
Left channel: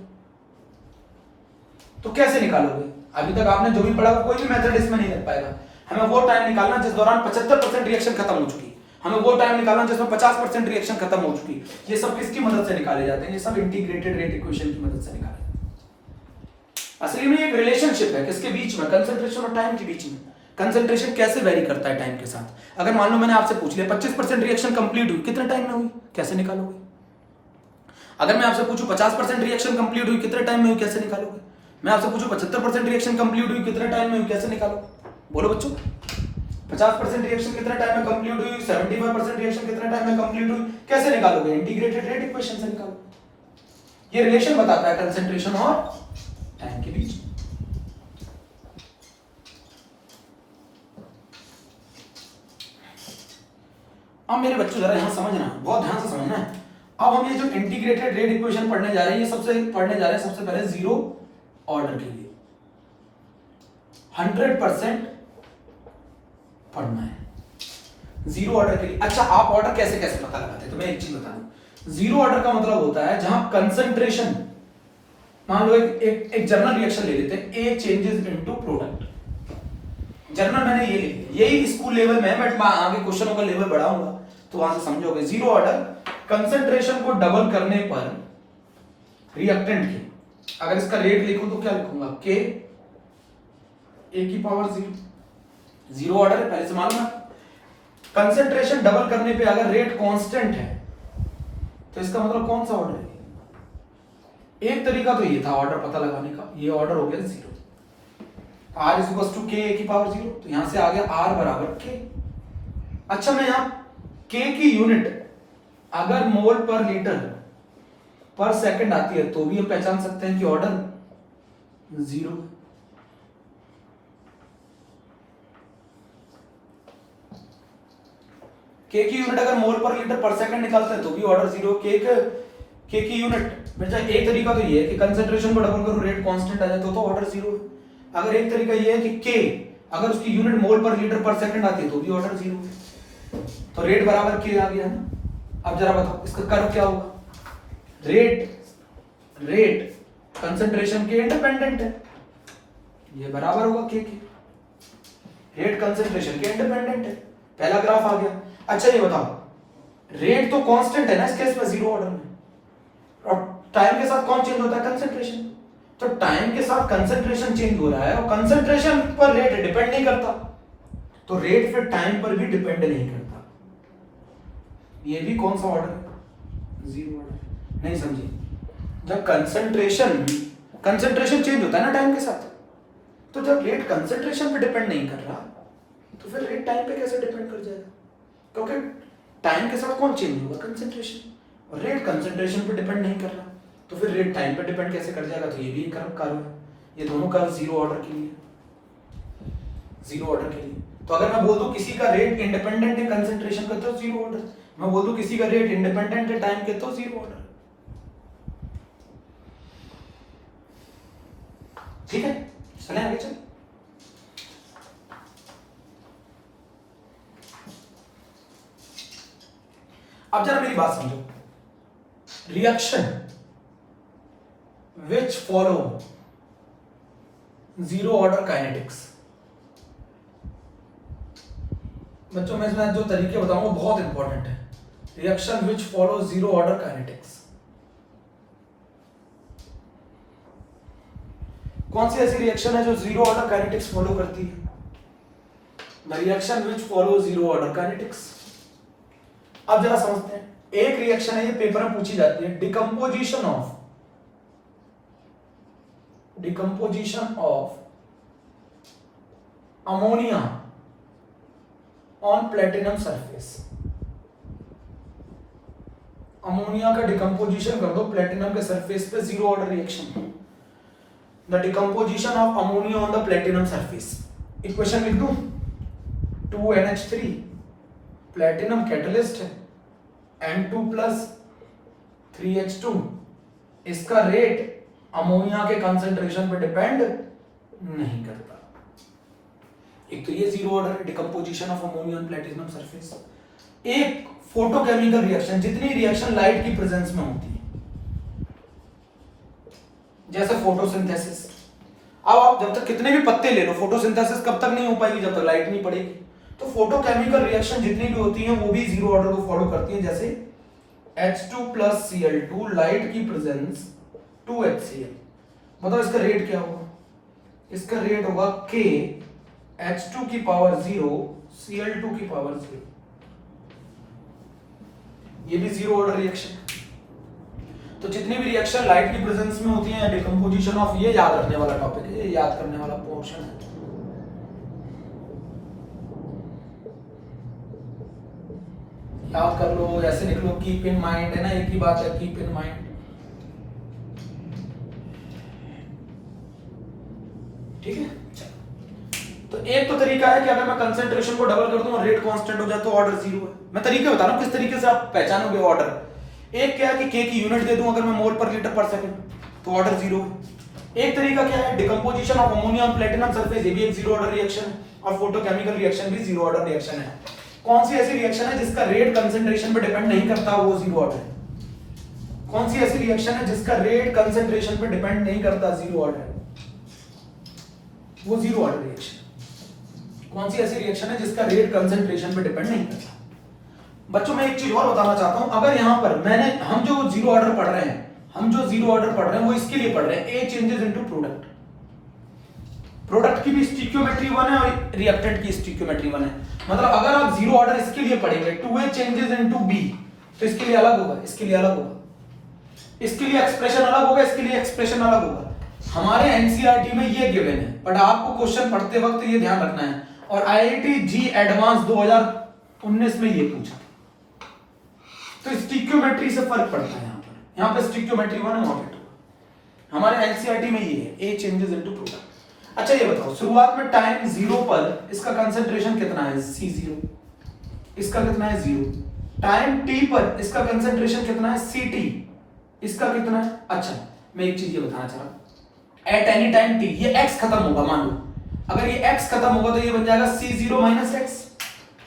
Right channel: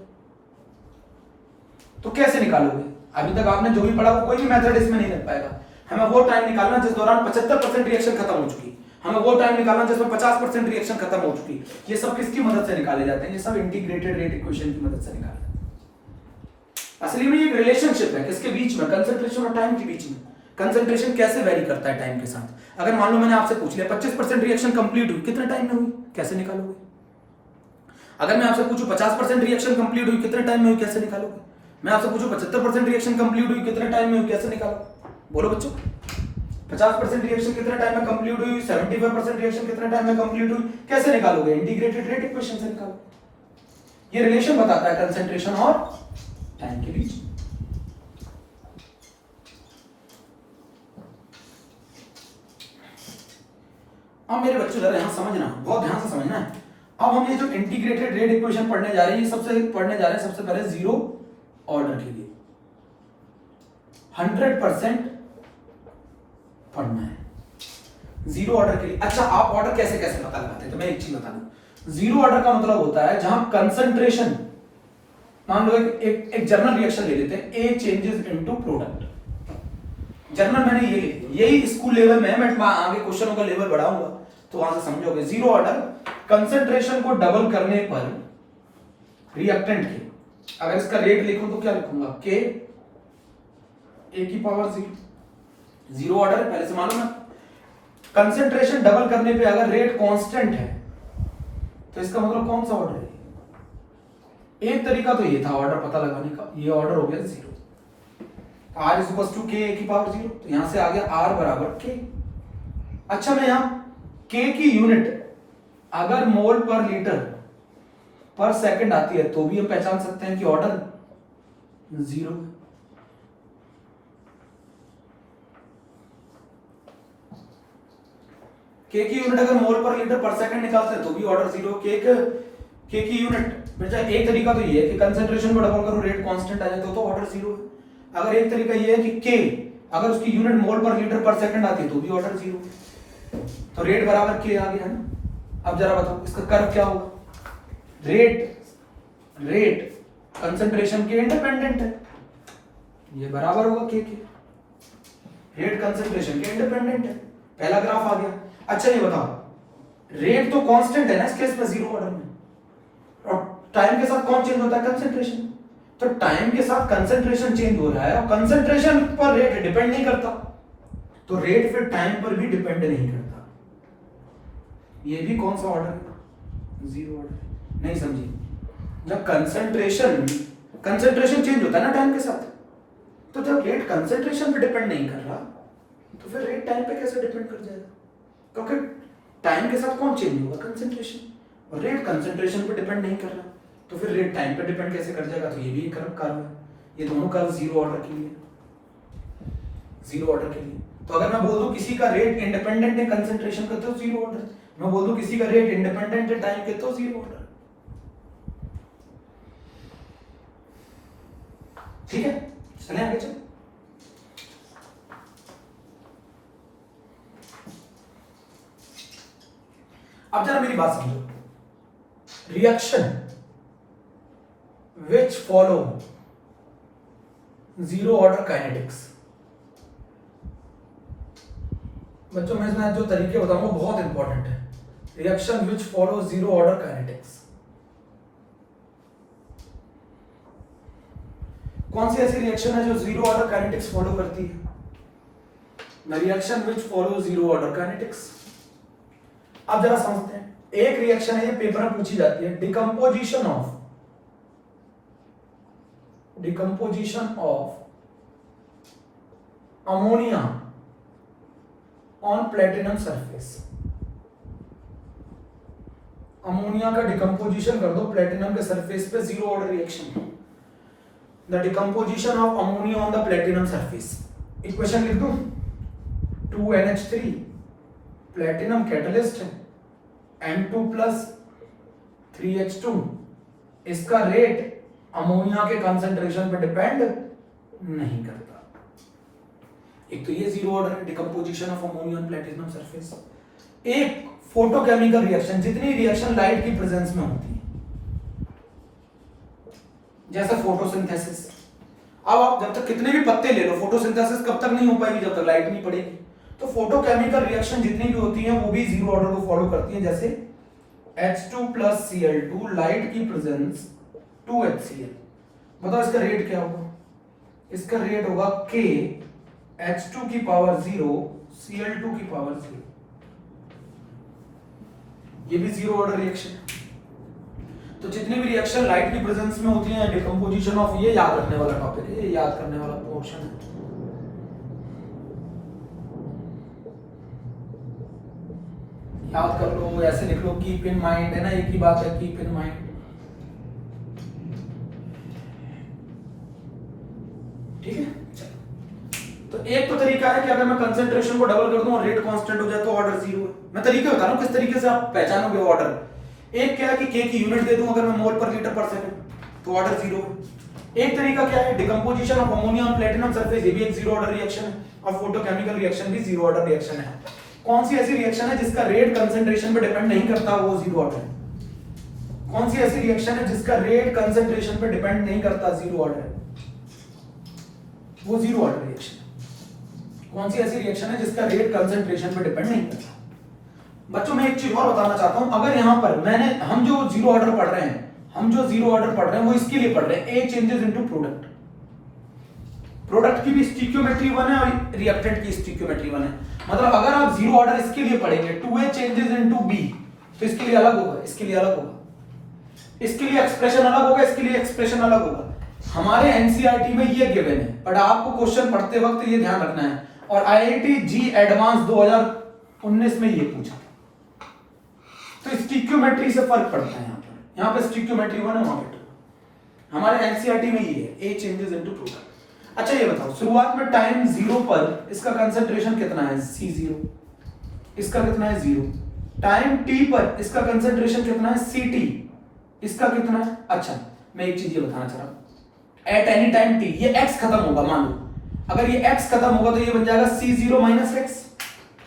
तो कैसे निकालोगे? अभी तक आपने जो भी पढ़ा वो कोई भी मेथड इसमें नहीं लग पाएगा। हमें वो टाइम निकालना जिस दौरान 75% रिएक्शन खत्म हो चुकी, हमें वो टाइम निकालना जिसमें 50% रिएक्शन खत्म हो चुकी। ये सब किसकी मदद से निकाले जाते हैं? ये सब इंटीग्रेटेड रेट इक्वेशन की मदद से निकाले। असली में एक रिलेशनशिप है किसके बीच में? कंसंट्रेशन और टाइम के बीच में। कंसंट्रेशन कैसे वेरी करता है टाइम के साथ? अगर मान लो मैंने आपसे पूछ लिया 25% रिएक्शन कंप्लीट हुई, कितने टाइम में हुई? कैसे निकालोगे? अगर मैं आपसे पूछूं 50% रिएक्शन कंप्लीट हुई, कितने टाइम में हुई? कैसे निकालोगे? मैं आपसे पूछूं 75% रिएक्शन कंप्लीट हुई, कितने टाइम में हुई? कैसे निकालो? बोलो बच्चों, 50% रिएक्शन कितने टाइम में कंप्लीट हुई? 75% रिएक्शन कितने टाइम में कंप्लीट हुई? कैसे निकालोगे? इंटीग्रेटेड रेट इक्वेशन से निकालो। ये रिलेशन बताता है कंसंट्रेशन और टाइम के बीच। अब मेरे बच्चों जरा यहां समझना, बहुत ध्यान से समझना है। अब हम ये जो इंटीग्रेटेड रेट इक्वेशन पढ़ने जा रहे हैं, ये सबसे पढ़ने जा रहे हैं सबसे पहले जीरो ऑर्डर के लिए। 100% पढ़ना है जीरो ऑर्डर के लिए। अच्छा, आप ऑर्डर कैसे कैसे पता लगाते हैं? तो मैं एक चीज बता दूं, जीरो ऑर्डर का मतलब होता है जहां कंसंट्रेशन, मान लो एक जर्नल रिएक्शन ले लेते हैं, ए चेंजेस इनटू प्रोडक्ट। जर्नल मैंने ये ले लिया, यही स्कूल लेवल में है, मैं आगे क्वेश्चनों का लेवल बढ़ाऊंगा तो वहां से समझोगे। जीरो ऑर्डर कंसंट्रेशन को डबल करने पर रिएक्टेंट के, अगर इसका रेट लिखूं तो क्या लिखूंगा? के ए की पावर जीरो। जीरो ऑर्डर है, पहले से मालूम है। कंसंट्रेशन डबल करने पे अगर रेट कांस्टेंट है तो इसका मतलब कौन सा ऑर्डर है? एक तरीका तो ये था ऑर्डर पता लगाने का, ये ऑर्डर हो गया zero. R is equal to K A की पावर जीरो, तो यहां से आ गया आर बराबर के। अच्छा, मैं यहां के की यूनिट अगर मोल पर लीटर पर सेकंड आती है तो भी हम पहचान सकते हैं कि ऑर्डर जीरो। के की यूनिट अगर मोल पर लीटर पर सेकंड निकालते हैं तो भी ऑर्डर जीरो। के की यूनिट बेटा, एक तरीका तो ये है कि कंसंट्रेशन को डबल करो रेट कांस्टेंट आ जाए तो ऑर्डर जीरो है। अगर एक तरीका ये है कि के अगर उसकी यूनिट मोल पर लीटर पर सेकंड आती है तो भी ऑर्डर जीरो। तो रेट बराबर के आ गया ना। अब जरा बताओ इसका कर्व क्या होगा? रेट कंसंट्रेशन के इंडिपेंडेंट है, ये बराबर होगा के। रेट कंसंट्रेशन के इंडिपेंडेंट है, पहला ग्राफ आ गया। अच्छा ये बताओ, रेट तो कांस्टेंट है ना इस केस में जीरो ऑर्डर में, और टाइम के साथ कौन चेंज होता है? कंसंट्रेशन। तो टाइम के साथ कंसंट्रेशन चेंज हो रहा है और कंसंट्रेशन पर रेट डिपेंड नहीं करता, तो रेट फिर टाइम पर भी डिपेंड नहीं करता। ये भी कौन सा ऑर्डर है? Zero order. नहीं समझे? जब कंसंट्रेशन चेंज होता है ना टाइम के साथ, तो जब रेट कंसंट्रेशन पे डिपेंड नहीं कर रहा तो फिर रेट टाइम पे कैसे डिपेंड कर जाएगा? क्योंकि टाइम के साथ कौन चेंज होगा? कंसंट्रेशन। और रेट कंसंट्रेशन पे डिपेंड नहीं कर रहा तो फिर रेट टाइम पे डिपेंड कैसे कर जाएगा? तो ये भी एक कर्व है। ये दोनों कर्व जीरो ऑर्डर के लिए, जीरो ऑर्डर के लिए। तो अगर मैं बोल दूं किसी का रेट इंडिपेंडेंट है कंसंट्रेशन का तो जीरो ऑर्डर, मैं बोल दूं किसी का रेट इंडिपेंडेंट है टाइम के तो जीरो ऑर्डर। ठीक है, चलें आगे चलें। अब जरा मेरी बात समझो। Reaction which follow zero order kinetics, बच्चों मैं इसमें जो तरीके बताऊंगा बहुत इंपॉर्टेंट है। Reaction which follow zero order kinetics, कौन सी ऐसी रिएक्शन है जो जीरो ऑर्डर काइनेटिक्स फॉलो करती है? Reaction which follow zero order kinetics। अब जरा समझते हैं। एक रिएक्शन है, ये पेपर में पूछी जाती है, decomposition of ammonia on platinum surface. Ammonia का डिकम्पोजिशन कर दो प्लेटिनम के सरफेस पे, zero order reaction. The decomposition of ammonia on the platinum surface. Equation लिख दूं, 2NH3 प्लेटिनम कैटलिस्ट है, N2 प्लस 3H2। इसका रेट अमोनिया के कंसंट्रेशन पे डिपेंड नहीं करता। एक तो ये zero order decomposition of ammonia on platinum surface. एक फोटोकेमिकल रिएक्शन, जितनी रिएक्शन लाइट की प्रेजेंस में होती है, जैसे फोटोसिंथेसिस। अब आप जब तक कितने भी पत्ते ले लो, फोटोसिंथेसिस कब तक नहीं हो पाएगी? जब तक लाइट नहीं पड़ेगी। तो फोटोकेमिकल रिएक्शन जितनी भी होती हैं वो भी जीरो ऑर्डर को फॉलो करती हैं। जैसे H2 प्लस Cl2, लाइट की प्रेजेंस 2HCl। बताओ इसका रेट क्या होगा? इसका रेट होगा K H2 की पावर 0 Cl2 की पावर 0। ये भी जीरो ऑर्डर रिएक्शन। तो जितनी भी रिएक्शन लाइट की प्रेजेंस में होती है, डिकम्पोजिशन ऑफ, ये याद रखने वाला टॉपिक है, ये याद करने वाला पोर्शन है। याद कर लो, ऐसे लिख लो, कीप इन माइंड, है ना, एक ही बात है, कीप इन माइंड। ठीक है, तो एक तो तरीका है कि अगर मैं कंसंट्रेशन को डबल कर दूं और रेट कांस्टेंट हो जाए तो ऑर्डर जीरो है। मैं तरीके बता रहा हूं किस तरीके से आप पहचानोगे ऑर्डर। एक क्या है कि K की यूनिट दे दूं अगर मैं मोल पर लीटर पर सेकंड, तो ऑर्डर जीरो है। एक तरीका क्या है, decomposition of ammonia on platinum surface, ये भी एक जीरो ऑर्डर रिएक्शन है। और फोटोकेमिकल रिएक्शन भी जीरो ऑर्डर रिएक्शन है। कौन सी ऐसी रिएक्शन है जिसका रेट कंसंट्रेशन पे डिपेंड नहीं करता, वो जीरो ऑर्डर है? कौन सी ऐसी रिएक्शन है जिसका रेट कंसंट्रेशन पे डिपेंड नहीं करता, जीरो ऑर्डर है? वो जीरो ऑर्डर रिएक्शन। कौन सी ऐसी रिएक्शन है जिसका रेट कंसंट्रेशन पे डिपेंड नहीं करता? बच्चों मैं एक चीज और बताना चाहता हूं। अगर यहां पर हम जो जीरो ऑर्डर पढ़ रहे हैं वो इसके लिए पढ़ रहे हैं, ए चेंजेस इनटू प्रोडक्ट। प्रोडक्ट की भी स्टिक्योमेट्री 1 है और रिएक्टेंट की स्टिक्योमेट्री 1 है। मतलब अगर आप जीरो ऑर्डर इसके लिए पढ़ेंगे, 2A चेंजेस इनटू B, तो इसके लिए अलग होगा, इसके लिए अलग होगा, इसके लिए एक्सप्रेशन अलग होगा, इसके लिए एक्सप्रेशन अलग होगा। हमारे एनसीईआरटी में ये गिवन है, बट आपको क्वेश्चन पढ़ते वक्त ये ध्यान रखना है। और आईआईटी जी एडवांस 2019 में ये पूछा, तो स्टिक्योमेट्री से फर्क पड़ता है। यहाँ पे स्टिक्योमेट्री 1 है, वहां पे 2। हमारे एनसीईआरटी में ये है, ए चेंजेस इनटू प्रोडक्ट। अच्छा ये बताओ, शुरुआत में टाइम 0 पर इसका कंसंट्रेशन कितना है, C0। इसका कितना है, 0। टाइम t पर इसका कंसंट्रेशन कितना है, Ct। इसका कितना है? अच्छा मैं एक चीज ये बताना चाह रहा हूं, एट एनी टाइम t, ये x खत्म होगा, मान लो अगर ये x खत्म होगा तो ये बन जाएगा C0 माइनस x।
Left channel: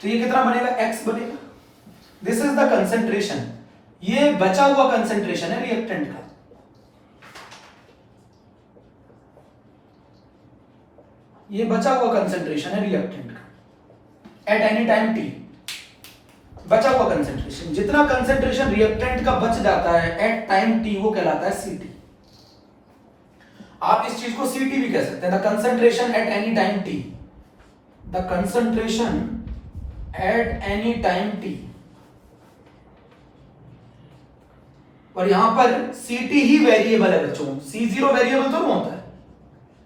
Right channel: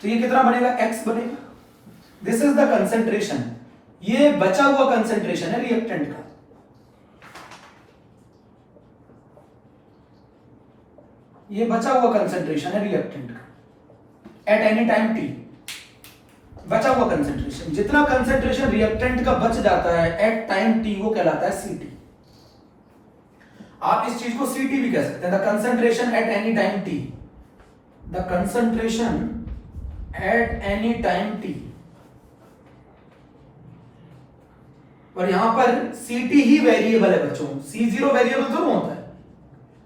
तो ये कितना बनेगा, x बनेगा। This is the concentration. ये बचा हुआ कंसंट्रेशन है रिएक्टेंट का। ये बचा हुआ कंसंट्रेशन है रिएक्टेंट का एट एनी टाइम t। बचा हुआ कंसंट्रेशन, जितना कंसंट्रेशन रिएक्टेंट का बच जाता है एट टाइम t, वो कहलाता है Ct। आप इस चीज को Ct भी कह सकते हैं, the concentration at any time t। The concentration at any time t और यहां पर Ct ही वेरिएबल है बच्चों, C0 वेरिएबल तो होता है,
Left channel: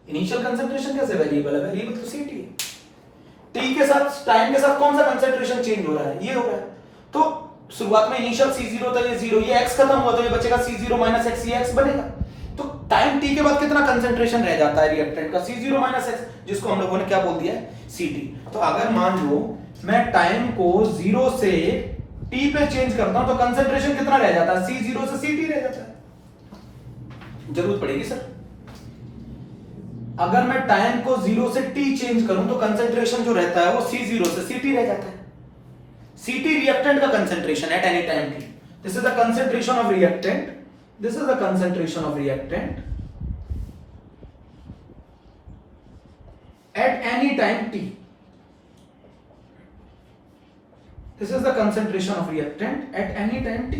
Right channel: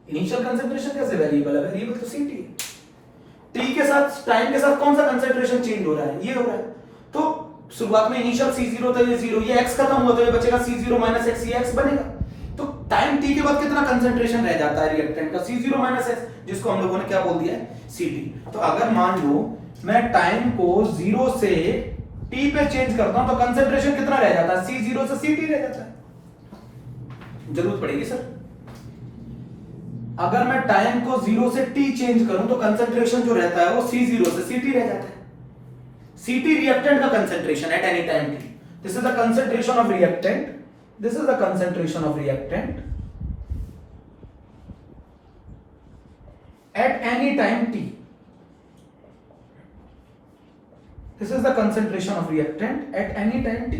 इनिशियल कंसंट्रेशन कैसे वेरिएबल है, वेरिएबल तो Ct है। टी के साथ, टाइम के साथ कौन सा कंसंट्रेशन चेंज हो रहा है, ये हो रहा है। तो शुरुआत में इनिशियल C0 था, ये 0, ये x खत्म हुआ तो ये बचेगा C0 माइनस x, ये x बनेगा। तो टाइम t के बाद कितना कंसंट्रेशन रह जाता है रिएक्टेंट का, C0 माइनस x, जिसको हम लोगों ने क्या बोल दिया है, Ct। तो अगर मान लो मैं टाइम को 0 से t पे चेंज करता हूं तो कंसंट्रेशन कितना रह जाता है, C0 से Ct रह जाता है। जरूरत पड़ेगी सर, अगर मैं टाइम को 0 से t चेंज करूं तो कंसंट्रेशन जो रहता है वो C0 से Ct रह जाता है। Ct रिएक्टेंट का concentration at any time t, this is the concentration of reactant, this is the concentration of reactant at any time t, this is the concentration of reactant at any time t,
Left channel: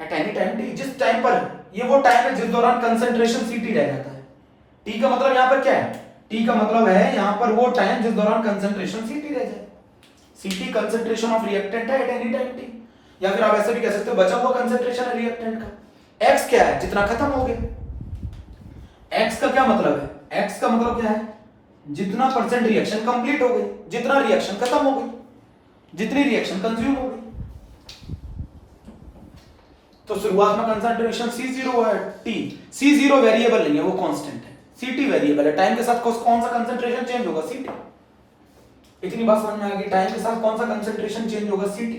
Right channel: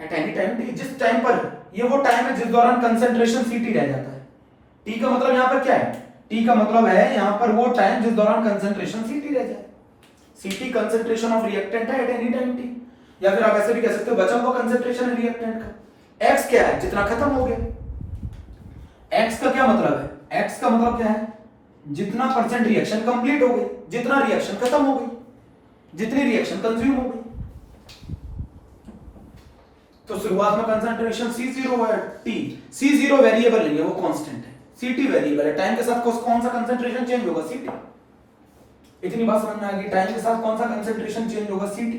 at any time t, जिस टाइम पर, ये वो टाइम है जिस दौरान कंसंट्रेशन Ct रह जाता है। t का मतलब यहां पर क्या है, t का मतलब है यहां पर वो टाइम जिस दौरान कंसंट्रेशन Ct रह जाए। Ct कंसंट्रेशन ऑफ रिएक्टेंट है एट एनी टाइम t, या फिर आप ऐसे भी कह सकते हो बचा हुआ कंसंट्रेशन है रिएक्टेंट का। x क्या है, जितना खत्म हो गया। x का क्या मतलब है, x का मतलब क्या है, जितना परसेंट रिएक्शन कंप्लीट हो गई, जितना रिएक्शन खत्म हो गई, जितनी रिएक्शन कंज्यूम हो गई। तो शुरुआत में कंसंट्रेशन C0 है t, C0 वेरिएबल नहीं है, वो कांस्टेंट है, Ct वेरिएबल है। टाइम के साथ कौन सा कंसंट्रेशन चेंज होगा, Ct। इतनी बात समझ में आएगी, टाइम के साथ कौन सा कंसंट्रेशन चेंज होगा, Ct।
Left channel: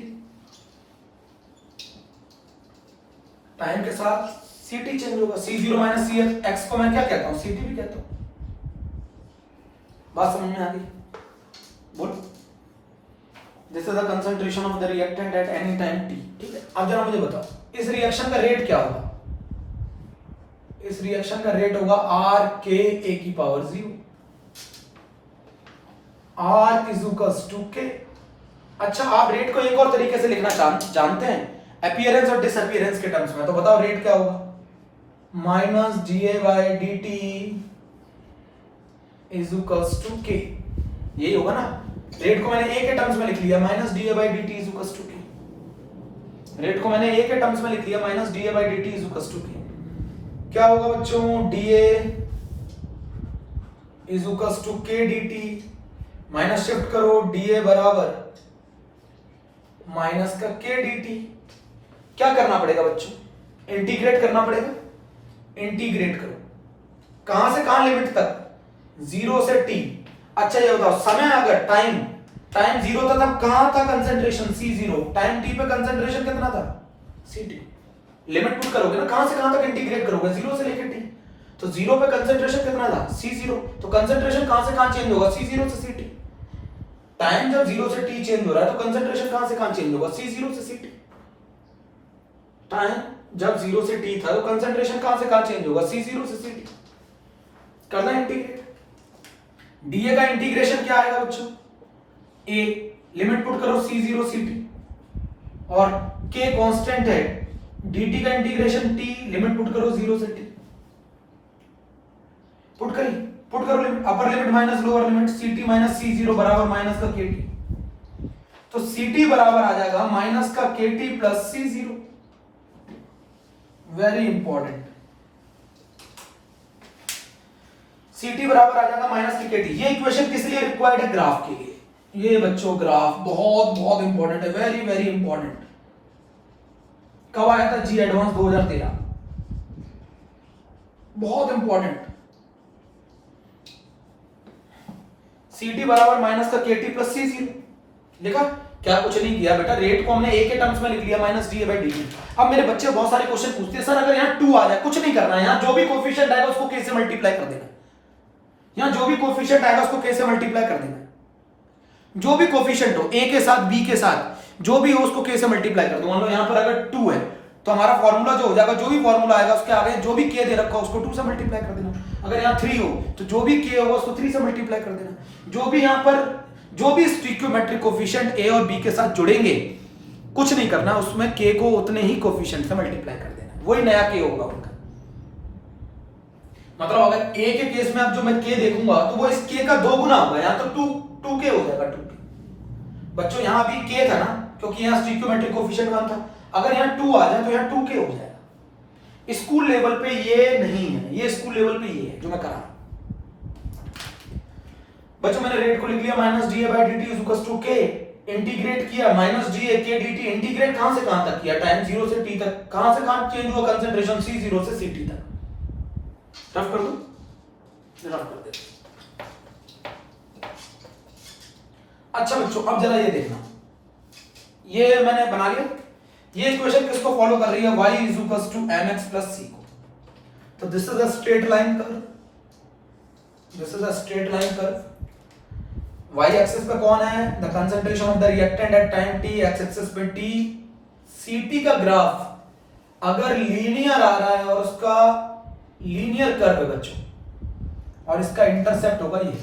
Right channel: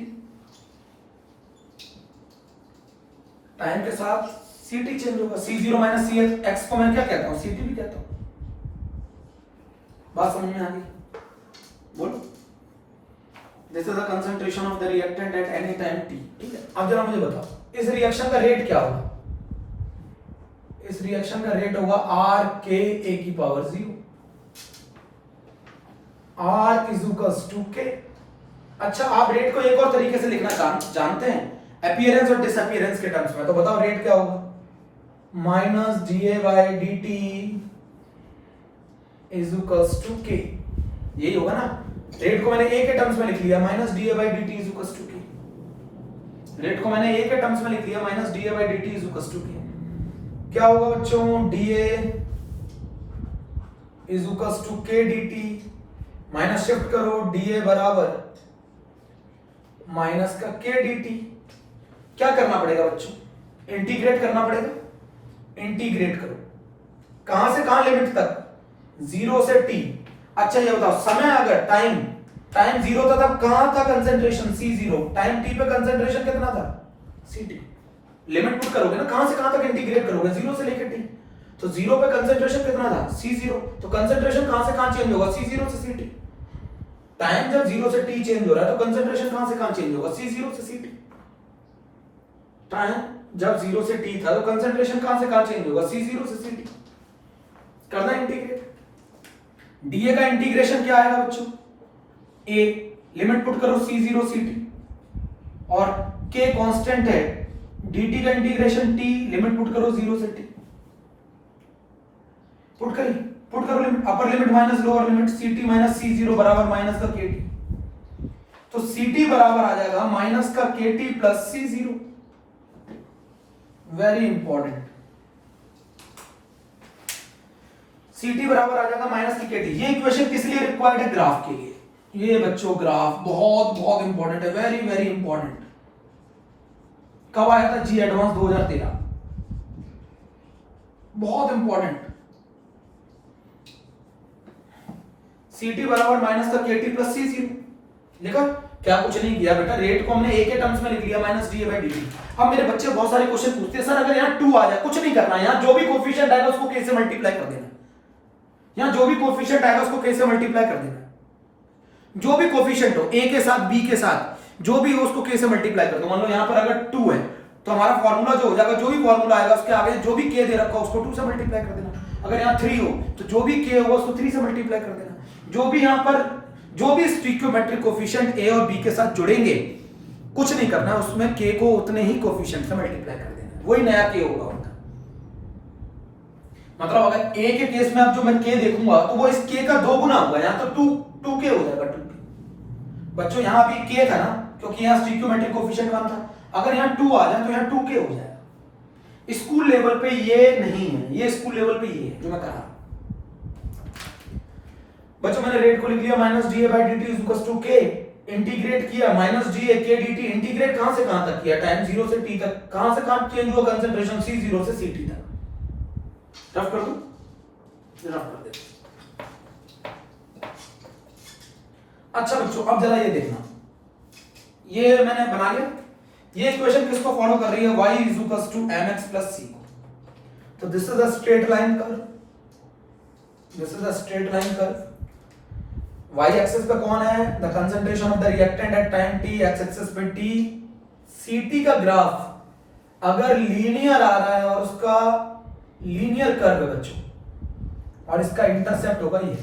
टाइम के साथ Ct चेंज होगा। C0 माइनस x को मैं क्या कहता हूं, Ct भी कहता हूं। बात समझ में आ गई, बोलो। This is the concentration of the reactant at any time t, ठीक है। अब जरा मुझे बताओ इस रिएक्शन का रेट क्या होगा, इस रिएक्शन का रेट होगा r k a की power 0, r is equals to k। अच्छा, आप रेट को एक और तरीके से लिखना जानते हैं, अपीयरेंस और डिसअपीयरेंस के टर्म्स में। तो बताओ रेट क्या होगा, minus da by dt is equals to k, यही होगा ना। रेट को मैंने a के टर्म्स में लिख लिया, minus da by dt is equals to k। Rate को मैंने a के टर्म्स में लिख लिया, minus da by dt is equals to k। क्या होगा बच्चों, dA is equals to k dt, minus shift करो, dA बराबर माइनस का k dt। क्या करना पड़ेगा बच्चों, इंटीग्रेट करना पड़ेगा, इंटीग्रेट करो। कहां से कहां लिमिट तक, 0 से t। अच्छा ये बताओ, समय अगर टाइम 0 था तब कहां था कंसंट्रेशन, C0। टाइम t पे कंसंट्रेशन कितना था, Ct। लिमिट पुट करोगे ना, कहां से कहां तक इंटीग्रेट करोगे, 0 से लेकर t। तो 0 पे कंसंट्रेशन कितना था, C0। तो कंसंट्रेशन कहां से कहां चेंज होगा, C0 से Ct। टाइम जब 0 से t चेंज हो रहा है तो कंसंट्रेशन कहां से कहां चेंज होगा, C0 से Ct। टाइम जब 0 से t था तो कंसंट्रेशन कहां से कहां चेंज होगा, C0 से Ct। करना इंटीग्रेट। dA का इंटीग्रेशन क्या आएगा बच्चों, a, लिमिट पुट करो C0 Ct, और k कांस्टेंट है, dt का इंटीग्रेशन t, लिमिट पुट करो 0 से t। पुट करो limit, upper limit minus lower limit, Ct minus C0 बराबर माइनस का Kt। तो Ct बराबर आ जाएगा माइनस का Kt plus C0। Very important, Ct बराबर आ जाएगा माइनस का Kt। ये इक्वेशन किस लिए रिक्वायर्ड है, ग्राफ के लिए। ये बच्चों ग्राफ बहुत बहुत इंपॉर्टेंट है, वेरी वेरी इंपॉर्टेंट। कब आया था, जी एडवांस 2013, बहुत इंपॉर्टेंट। Ct बराबर माइनस का Kt प्लस C0 लिखा, क्या कुछ नहीं किया बेटा। रेट को हमने a के टर्म्स में लिख लिया, माइनस da बाई dt। अब मेरे बच्चे बहुत सारे क्वेश्चन पूछते हैं, सर अगर यहाँ 2 आ जाए, कुछ नहीं करना, यहाँ जो भी कोफिशिएंट आएगा उसको k से मल्टीप्लाई कर देना। यहाँ जो भी कोफिशिएंट आएगा उसको k से मल्टीप्लाई कर देना। जो भी कोफिशिएंट हो, a के साथ b के साथ जो भी हो उसको k से मल्टीप्लाई कर दो। मान लो यहाँ पर अगर 2 है तो हमारा फॉर्मूला जो हो जाएगा, जो भी फॉर्मूला आएगा उसके आगे जो भी k दे रखा हो उसको 2 से मल्टीप्लाई कर देना। अगर यहाँ 3 हो तो जो भी k होगा उसको 3 से मल्टीप्लाई कर देना। जो भी यहाँ पर जो भी स्टिक्योमेट्रिक कोफिशिएंट a और b के साथ जुड़ेंगे, कुछ नहीं करना, उसमें k को उतने ही कोफिशिएंट से मल्टीप्लाई कर देना, वही नया k होगा उनका। मतलब अगर a के केस में अब जो मैं k देखूंगा तो वो इस k का 2 गुना होगा, यहां तो 2k हो जाएगा, 2k। बच्चों यहां अभी k था ना, क्योंकि यहाँ स्टिक्योमेट्रिक कोफिशिएंट 1 था। अगर यहाँ 2 आ जाए तो यहाँ 2k हो जाएगा। स्कूल लेवल पे ये नहीं है, ये स्कूल लेवल पे ये है जो मैं कर रहा हूं। बच्चों मैंने रेट को लिख लिया -da/dt k, इंटीग्रेट किया -da/k/dt, इंटीग्रेट कहां से कहां तक किया, टाइम 0 से t तक, कहां से कहां चेंज हुआ कंसंट्रेशन, c0 से ct तक। रफ कर दो, रफ कर दे। अच्छा बच्चों अब जरा ये देखना, ये मैंने बना लिया, ये इक्वेशन किसको फॉलो कर रही है, y = mx + c को। तो this is a straight line curve, this is a straight line curve. y axis पे कौन है, the concentration of the reactant at time t, x axis पे t। ct का ग्राफ अगर लीनियर आ रहा है और उसका लीनियर कर्व है बच्चों, और इसका इंटरसेप्ट होगा ये,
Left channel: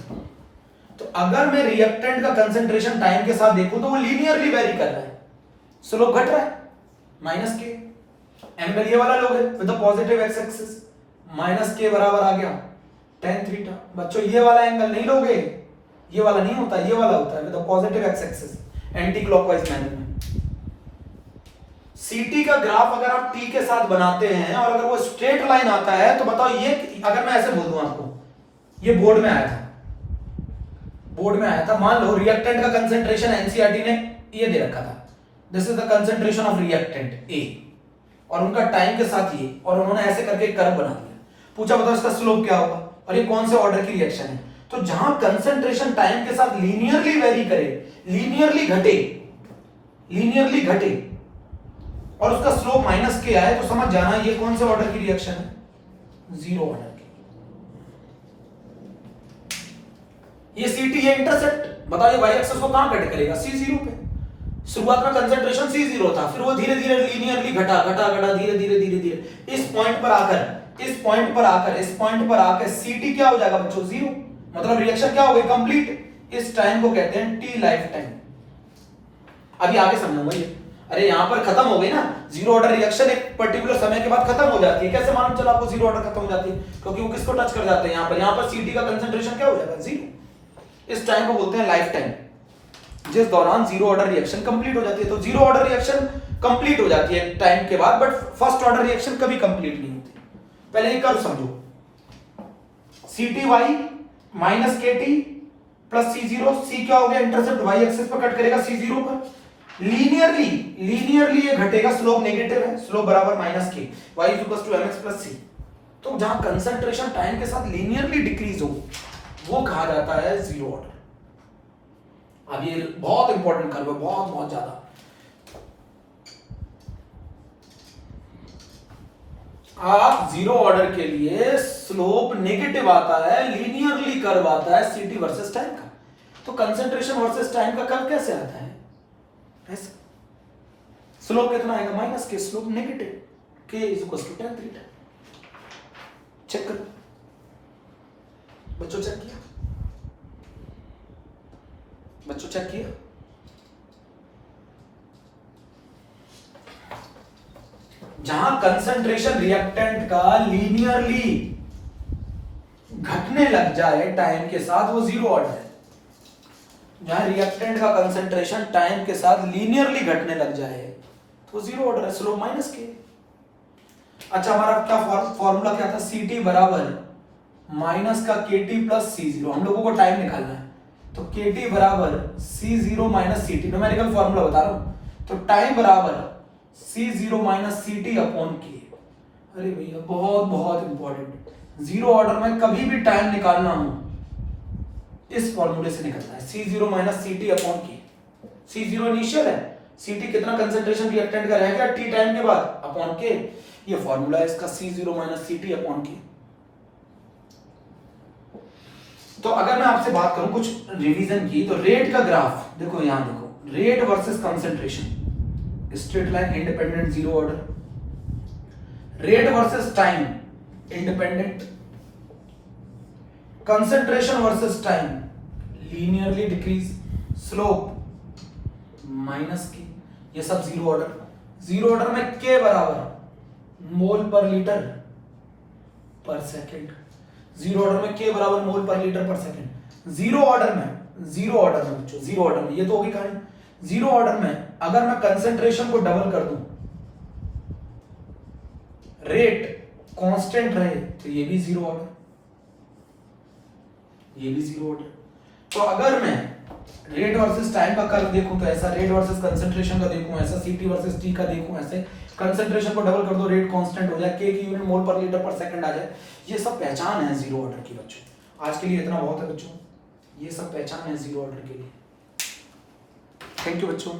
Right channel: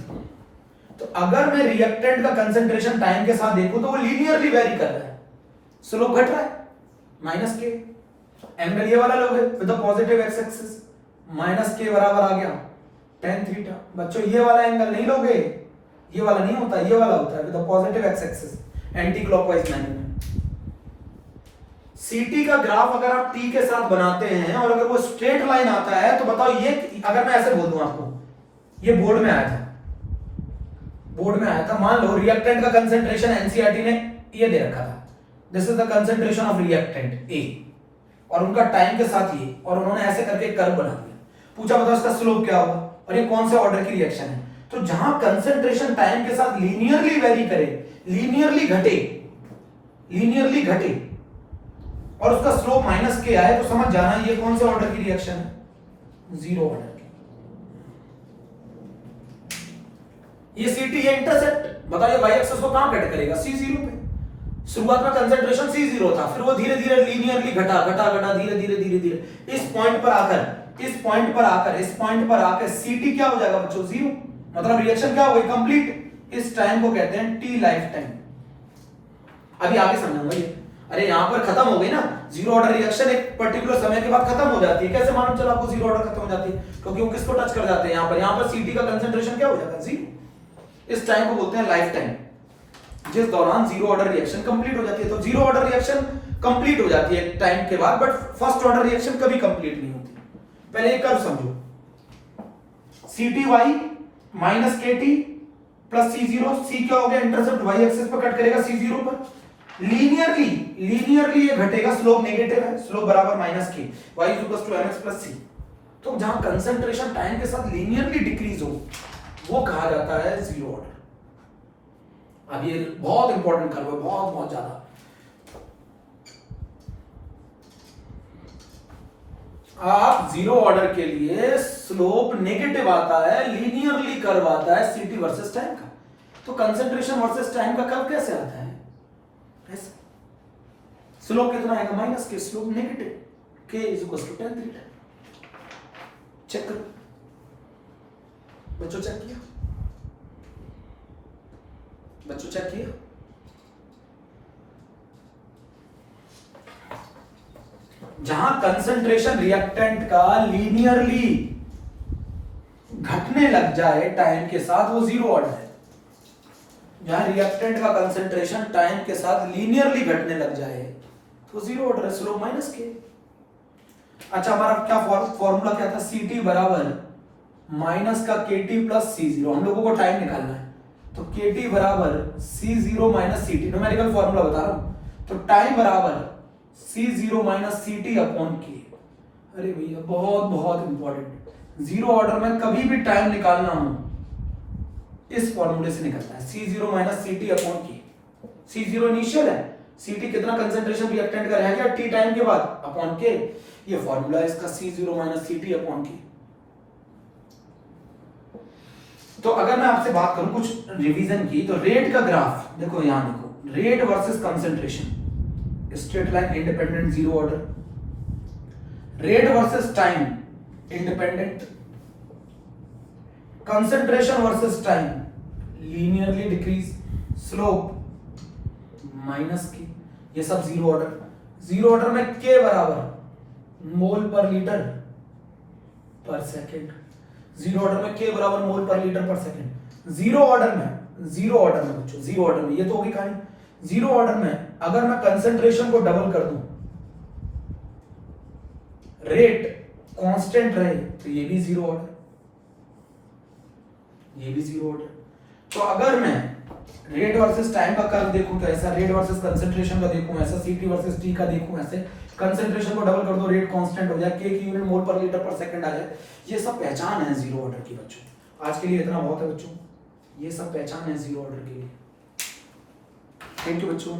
तो अगर मैं रिएक्टेंट का कंसंट्रेशन टाइम के साथ देखूं तो वो लीनियरली वेरी कर रहा है, स्लोप घट रहा है -k। एंगल ये वाला लोगे with the positive x axis, -k बराबर आ गया tan थीटा। बच्चों ये वाला एंगल नहीं लोगे, ये वाला नहीं होता, ये वाला होता है with the positive x axis, anti clockwise manner में। ct का ग्राफ अगर आप t के साथ बनाते हैं और अगर वो स्ट्रेट लाइन आता है तो बताओ ये, अगर मैं ऐसे बोल दूं आपको, ये बोर्ड में आया था, बोर्ड में आया था, मान लो रिएक्टेंट का कंसंट्रेशन एनसीईआरटी ने ये दे रखा था, this is the concentration of reactant A, और उनका टाइम के साथ ये, और उन्होंने ऐसे करके एक कर्व बना दिया, पूछा बताओ इसका स्लोप क्या होगा, और ये कौन से ऑर्डर की रिएक्शन है। तो जहां कंसंट्रेशन टाइम के साथ लीनियरली वेरी करे, लीनियरली घटे, लीनियरली घटे, और उसका स्लोप -k आए, तो समझ जाना ये कौन से ऑर्डर की रिएक्शन है, 0 ऑर्डर की। ये ct, ये इंटरसेप्ट, बताइए y एक्सिस को कहां कट करेगा, c0 पे। शुरुआत में कंसंट्रेशन c0 था, फिर वो धीरे धीरे लीनियरली घटा घटा घटा धीरे धीरे धीरे धीरे इस पॉइंट पर आकर, इस पॉइंट पर आकर, इस पॉइंट पर आकर ct क्या हो जाएगा बच्चों, 0, मतलब रिएक्शन क्या हो गई, कंप्लीट। इस टाइम को कहते हैं t लाइफ टाइम। अभी आगे समझूंगा ये, अरे यहां पर खत्म हो गई ना, 0 ऑर्डर रिएक्शन एक पर्टिकुलर समय के बाद खत्म हो जाती है। कैसे मालूम चला आपको 0 ऑर्डर खत्म हो जाती है, क्योंकि वो किसको टच कर जाते हैं, यहां पर ct का कंसंट्रेशन क्या हो जाएगा, 0। इस टाइम को बोलते हैं लाइफ टाइम, जिस दौरान 0 ऑर्डर रिएक्शन कंप्लीट हो जाती है। तो 0 ऑर्डर रिएक्शन कंप्लीट हो जाती है टाइम के बाद, बट फर्स्ट ऑर्डर रिएक्शन कभी कंप्लीट नहीं होती। पहले ये कर्व समझो, CTy -kT plus C0, C क्या हो गया, इंटरसेप्ट y एक्सिस पर कट करेगा C0 पर, लीनियरली ये घटेगा, स्लोप नेगेटिव है, स्लोप बराबर -k, y = mx + c। तो जहां कंसंट्रेशन टाइम के साथ लीनियरली डिक्रीज हो वो कहा जाता है 0 ऑर्डर। अब ये बहुत इंपॉर्टेंट कर्व है, बहुत बहुत ज्यादा। आप 0 ऑर्डर के लिए स्लोप नेगेटिव आता है, लीनियरली कर्व आता है ct वर्सेस टाइम का। तो कंसंट्रेशन वर्सेस टाइम का कर्व कैसे आता है, ऐसे स्लोप कितना आएगा, -k, slope negative, k = tan थीटा। चेक करो बच्चों, चेक किया बच्चों, चेक किया। जहां कंसंट्रेशन रिएक्टेंट का लीनियरली घटने लग जाए टाइम के साथ, वो 0 ऑर्डर है। जहां रिएक्टेंट का कंसंट्रेशन टाइम के साथ लीनियरली घटने लग जाए तो 0 ऑर्डर है, स्लोप -k। अच्छा हमारा क्या फॉर्मूला क्या था, ct बराबर -kT + c0। हम लोगों को टाइम निकालना है, तो kT बराबर c0 - ct, न्यूमेरिकल फॉर्मूला बता रहा हूं। तो टाइम बराबर c0 - ct अपॉन k। अरे भैया बहुत बहुत इंपॉर्टेंट, 0 ऑर्डर में कभी भी टाइम निकालना हो इस फॉर्मूले से निकलता है, c0 - ct upon k। c0 initial है, ct कितना कंसंट्रेशन रिएक्टेंट का रह गया t टाइम के बाद, अपॉन k। ये फॉर्मूला है इसका, c0 - ct अपॉन k। तो अगर मैं आपसे बात करूं कुछ रिवीजन की, तो रेट का ग्राफ देखो, यहां देखो, rate versus concentration, straight line, independent 0 order, rate versus time independent, concentration versus time linearly decrease, slope -k, ये सब 0 ऑर्डर। 0 ऑर्डर में k बराबर मोल पर लीटर पर सेकेंड, 0 ऑर्डर में k बराबर मोल पर लीटर पर सेकेंड। 0 ऑर्डर में बच्चों, 0 ऑर्डर में ये तो होगी कहानी। जीरो ऑर्डर में अगर मैं कंसंट्रेशन को डबल कर दूं, रेट कांस्टेंट रहे, तो ये भी जीरो ऑर्डर, ये भी जीरो ऑर्डर। तो अगर मैं रेट वर्सेस टाइम का कर्व देखूं तो ऐसा, रेट वर्सेस कंसंट्रेशन का देखूं ऐसा, सीटी वर्सेस टी का देखूं ऐसे, कंसंट्रेशन को डबल कर दो, रेट कांस्टेंट हो जाए, के की यूनिट मोल पर लीटर पर सेकंड आ जाए। ये सब पहचान है जीरो ऑर्डर की बच्चों। आज के लिए इतना बहुत है बच्चों, ये सब पहचान है जीरो ऑर्डर के लिए। थैंक यू बच्चों।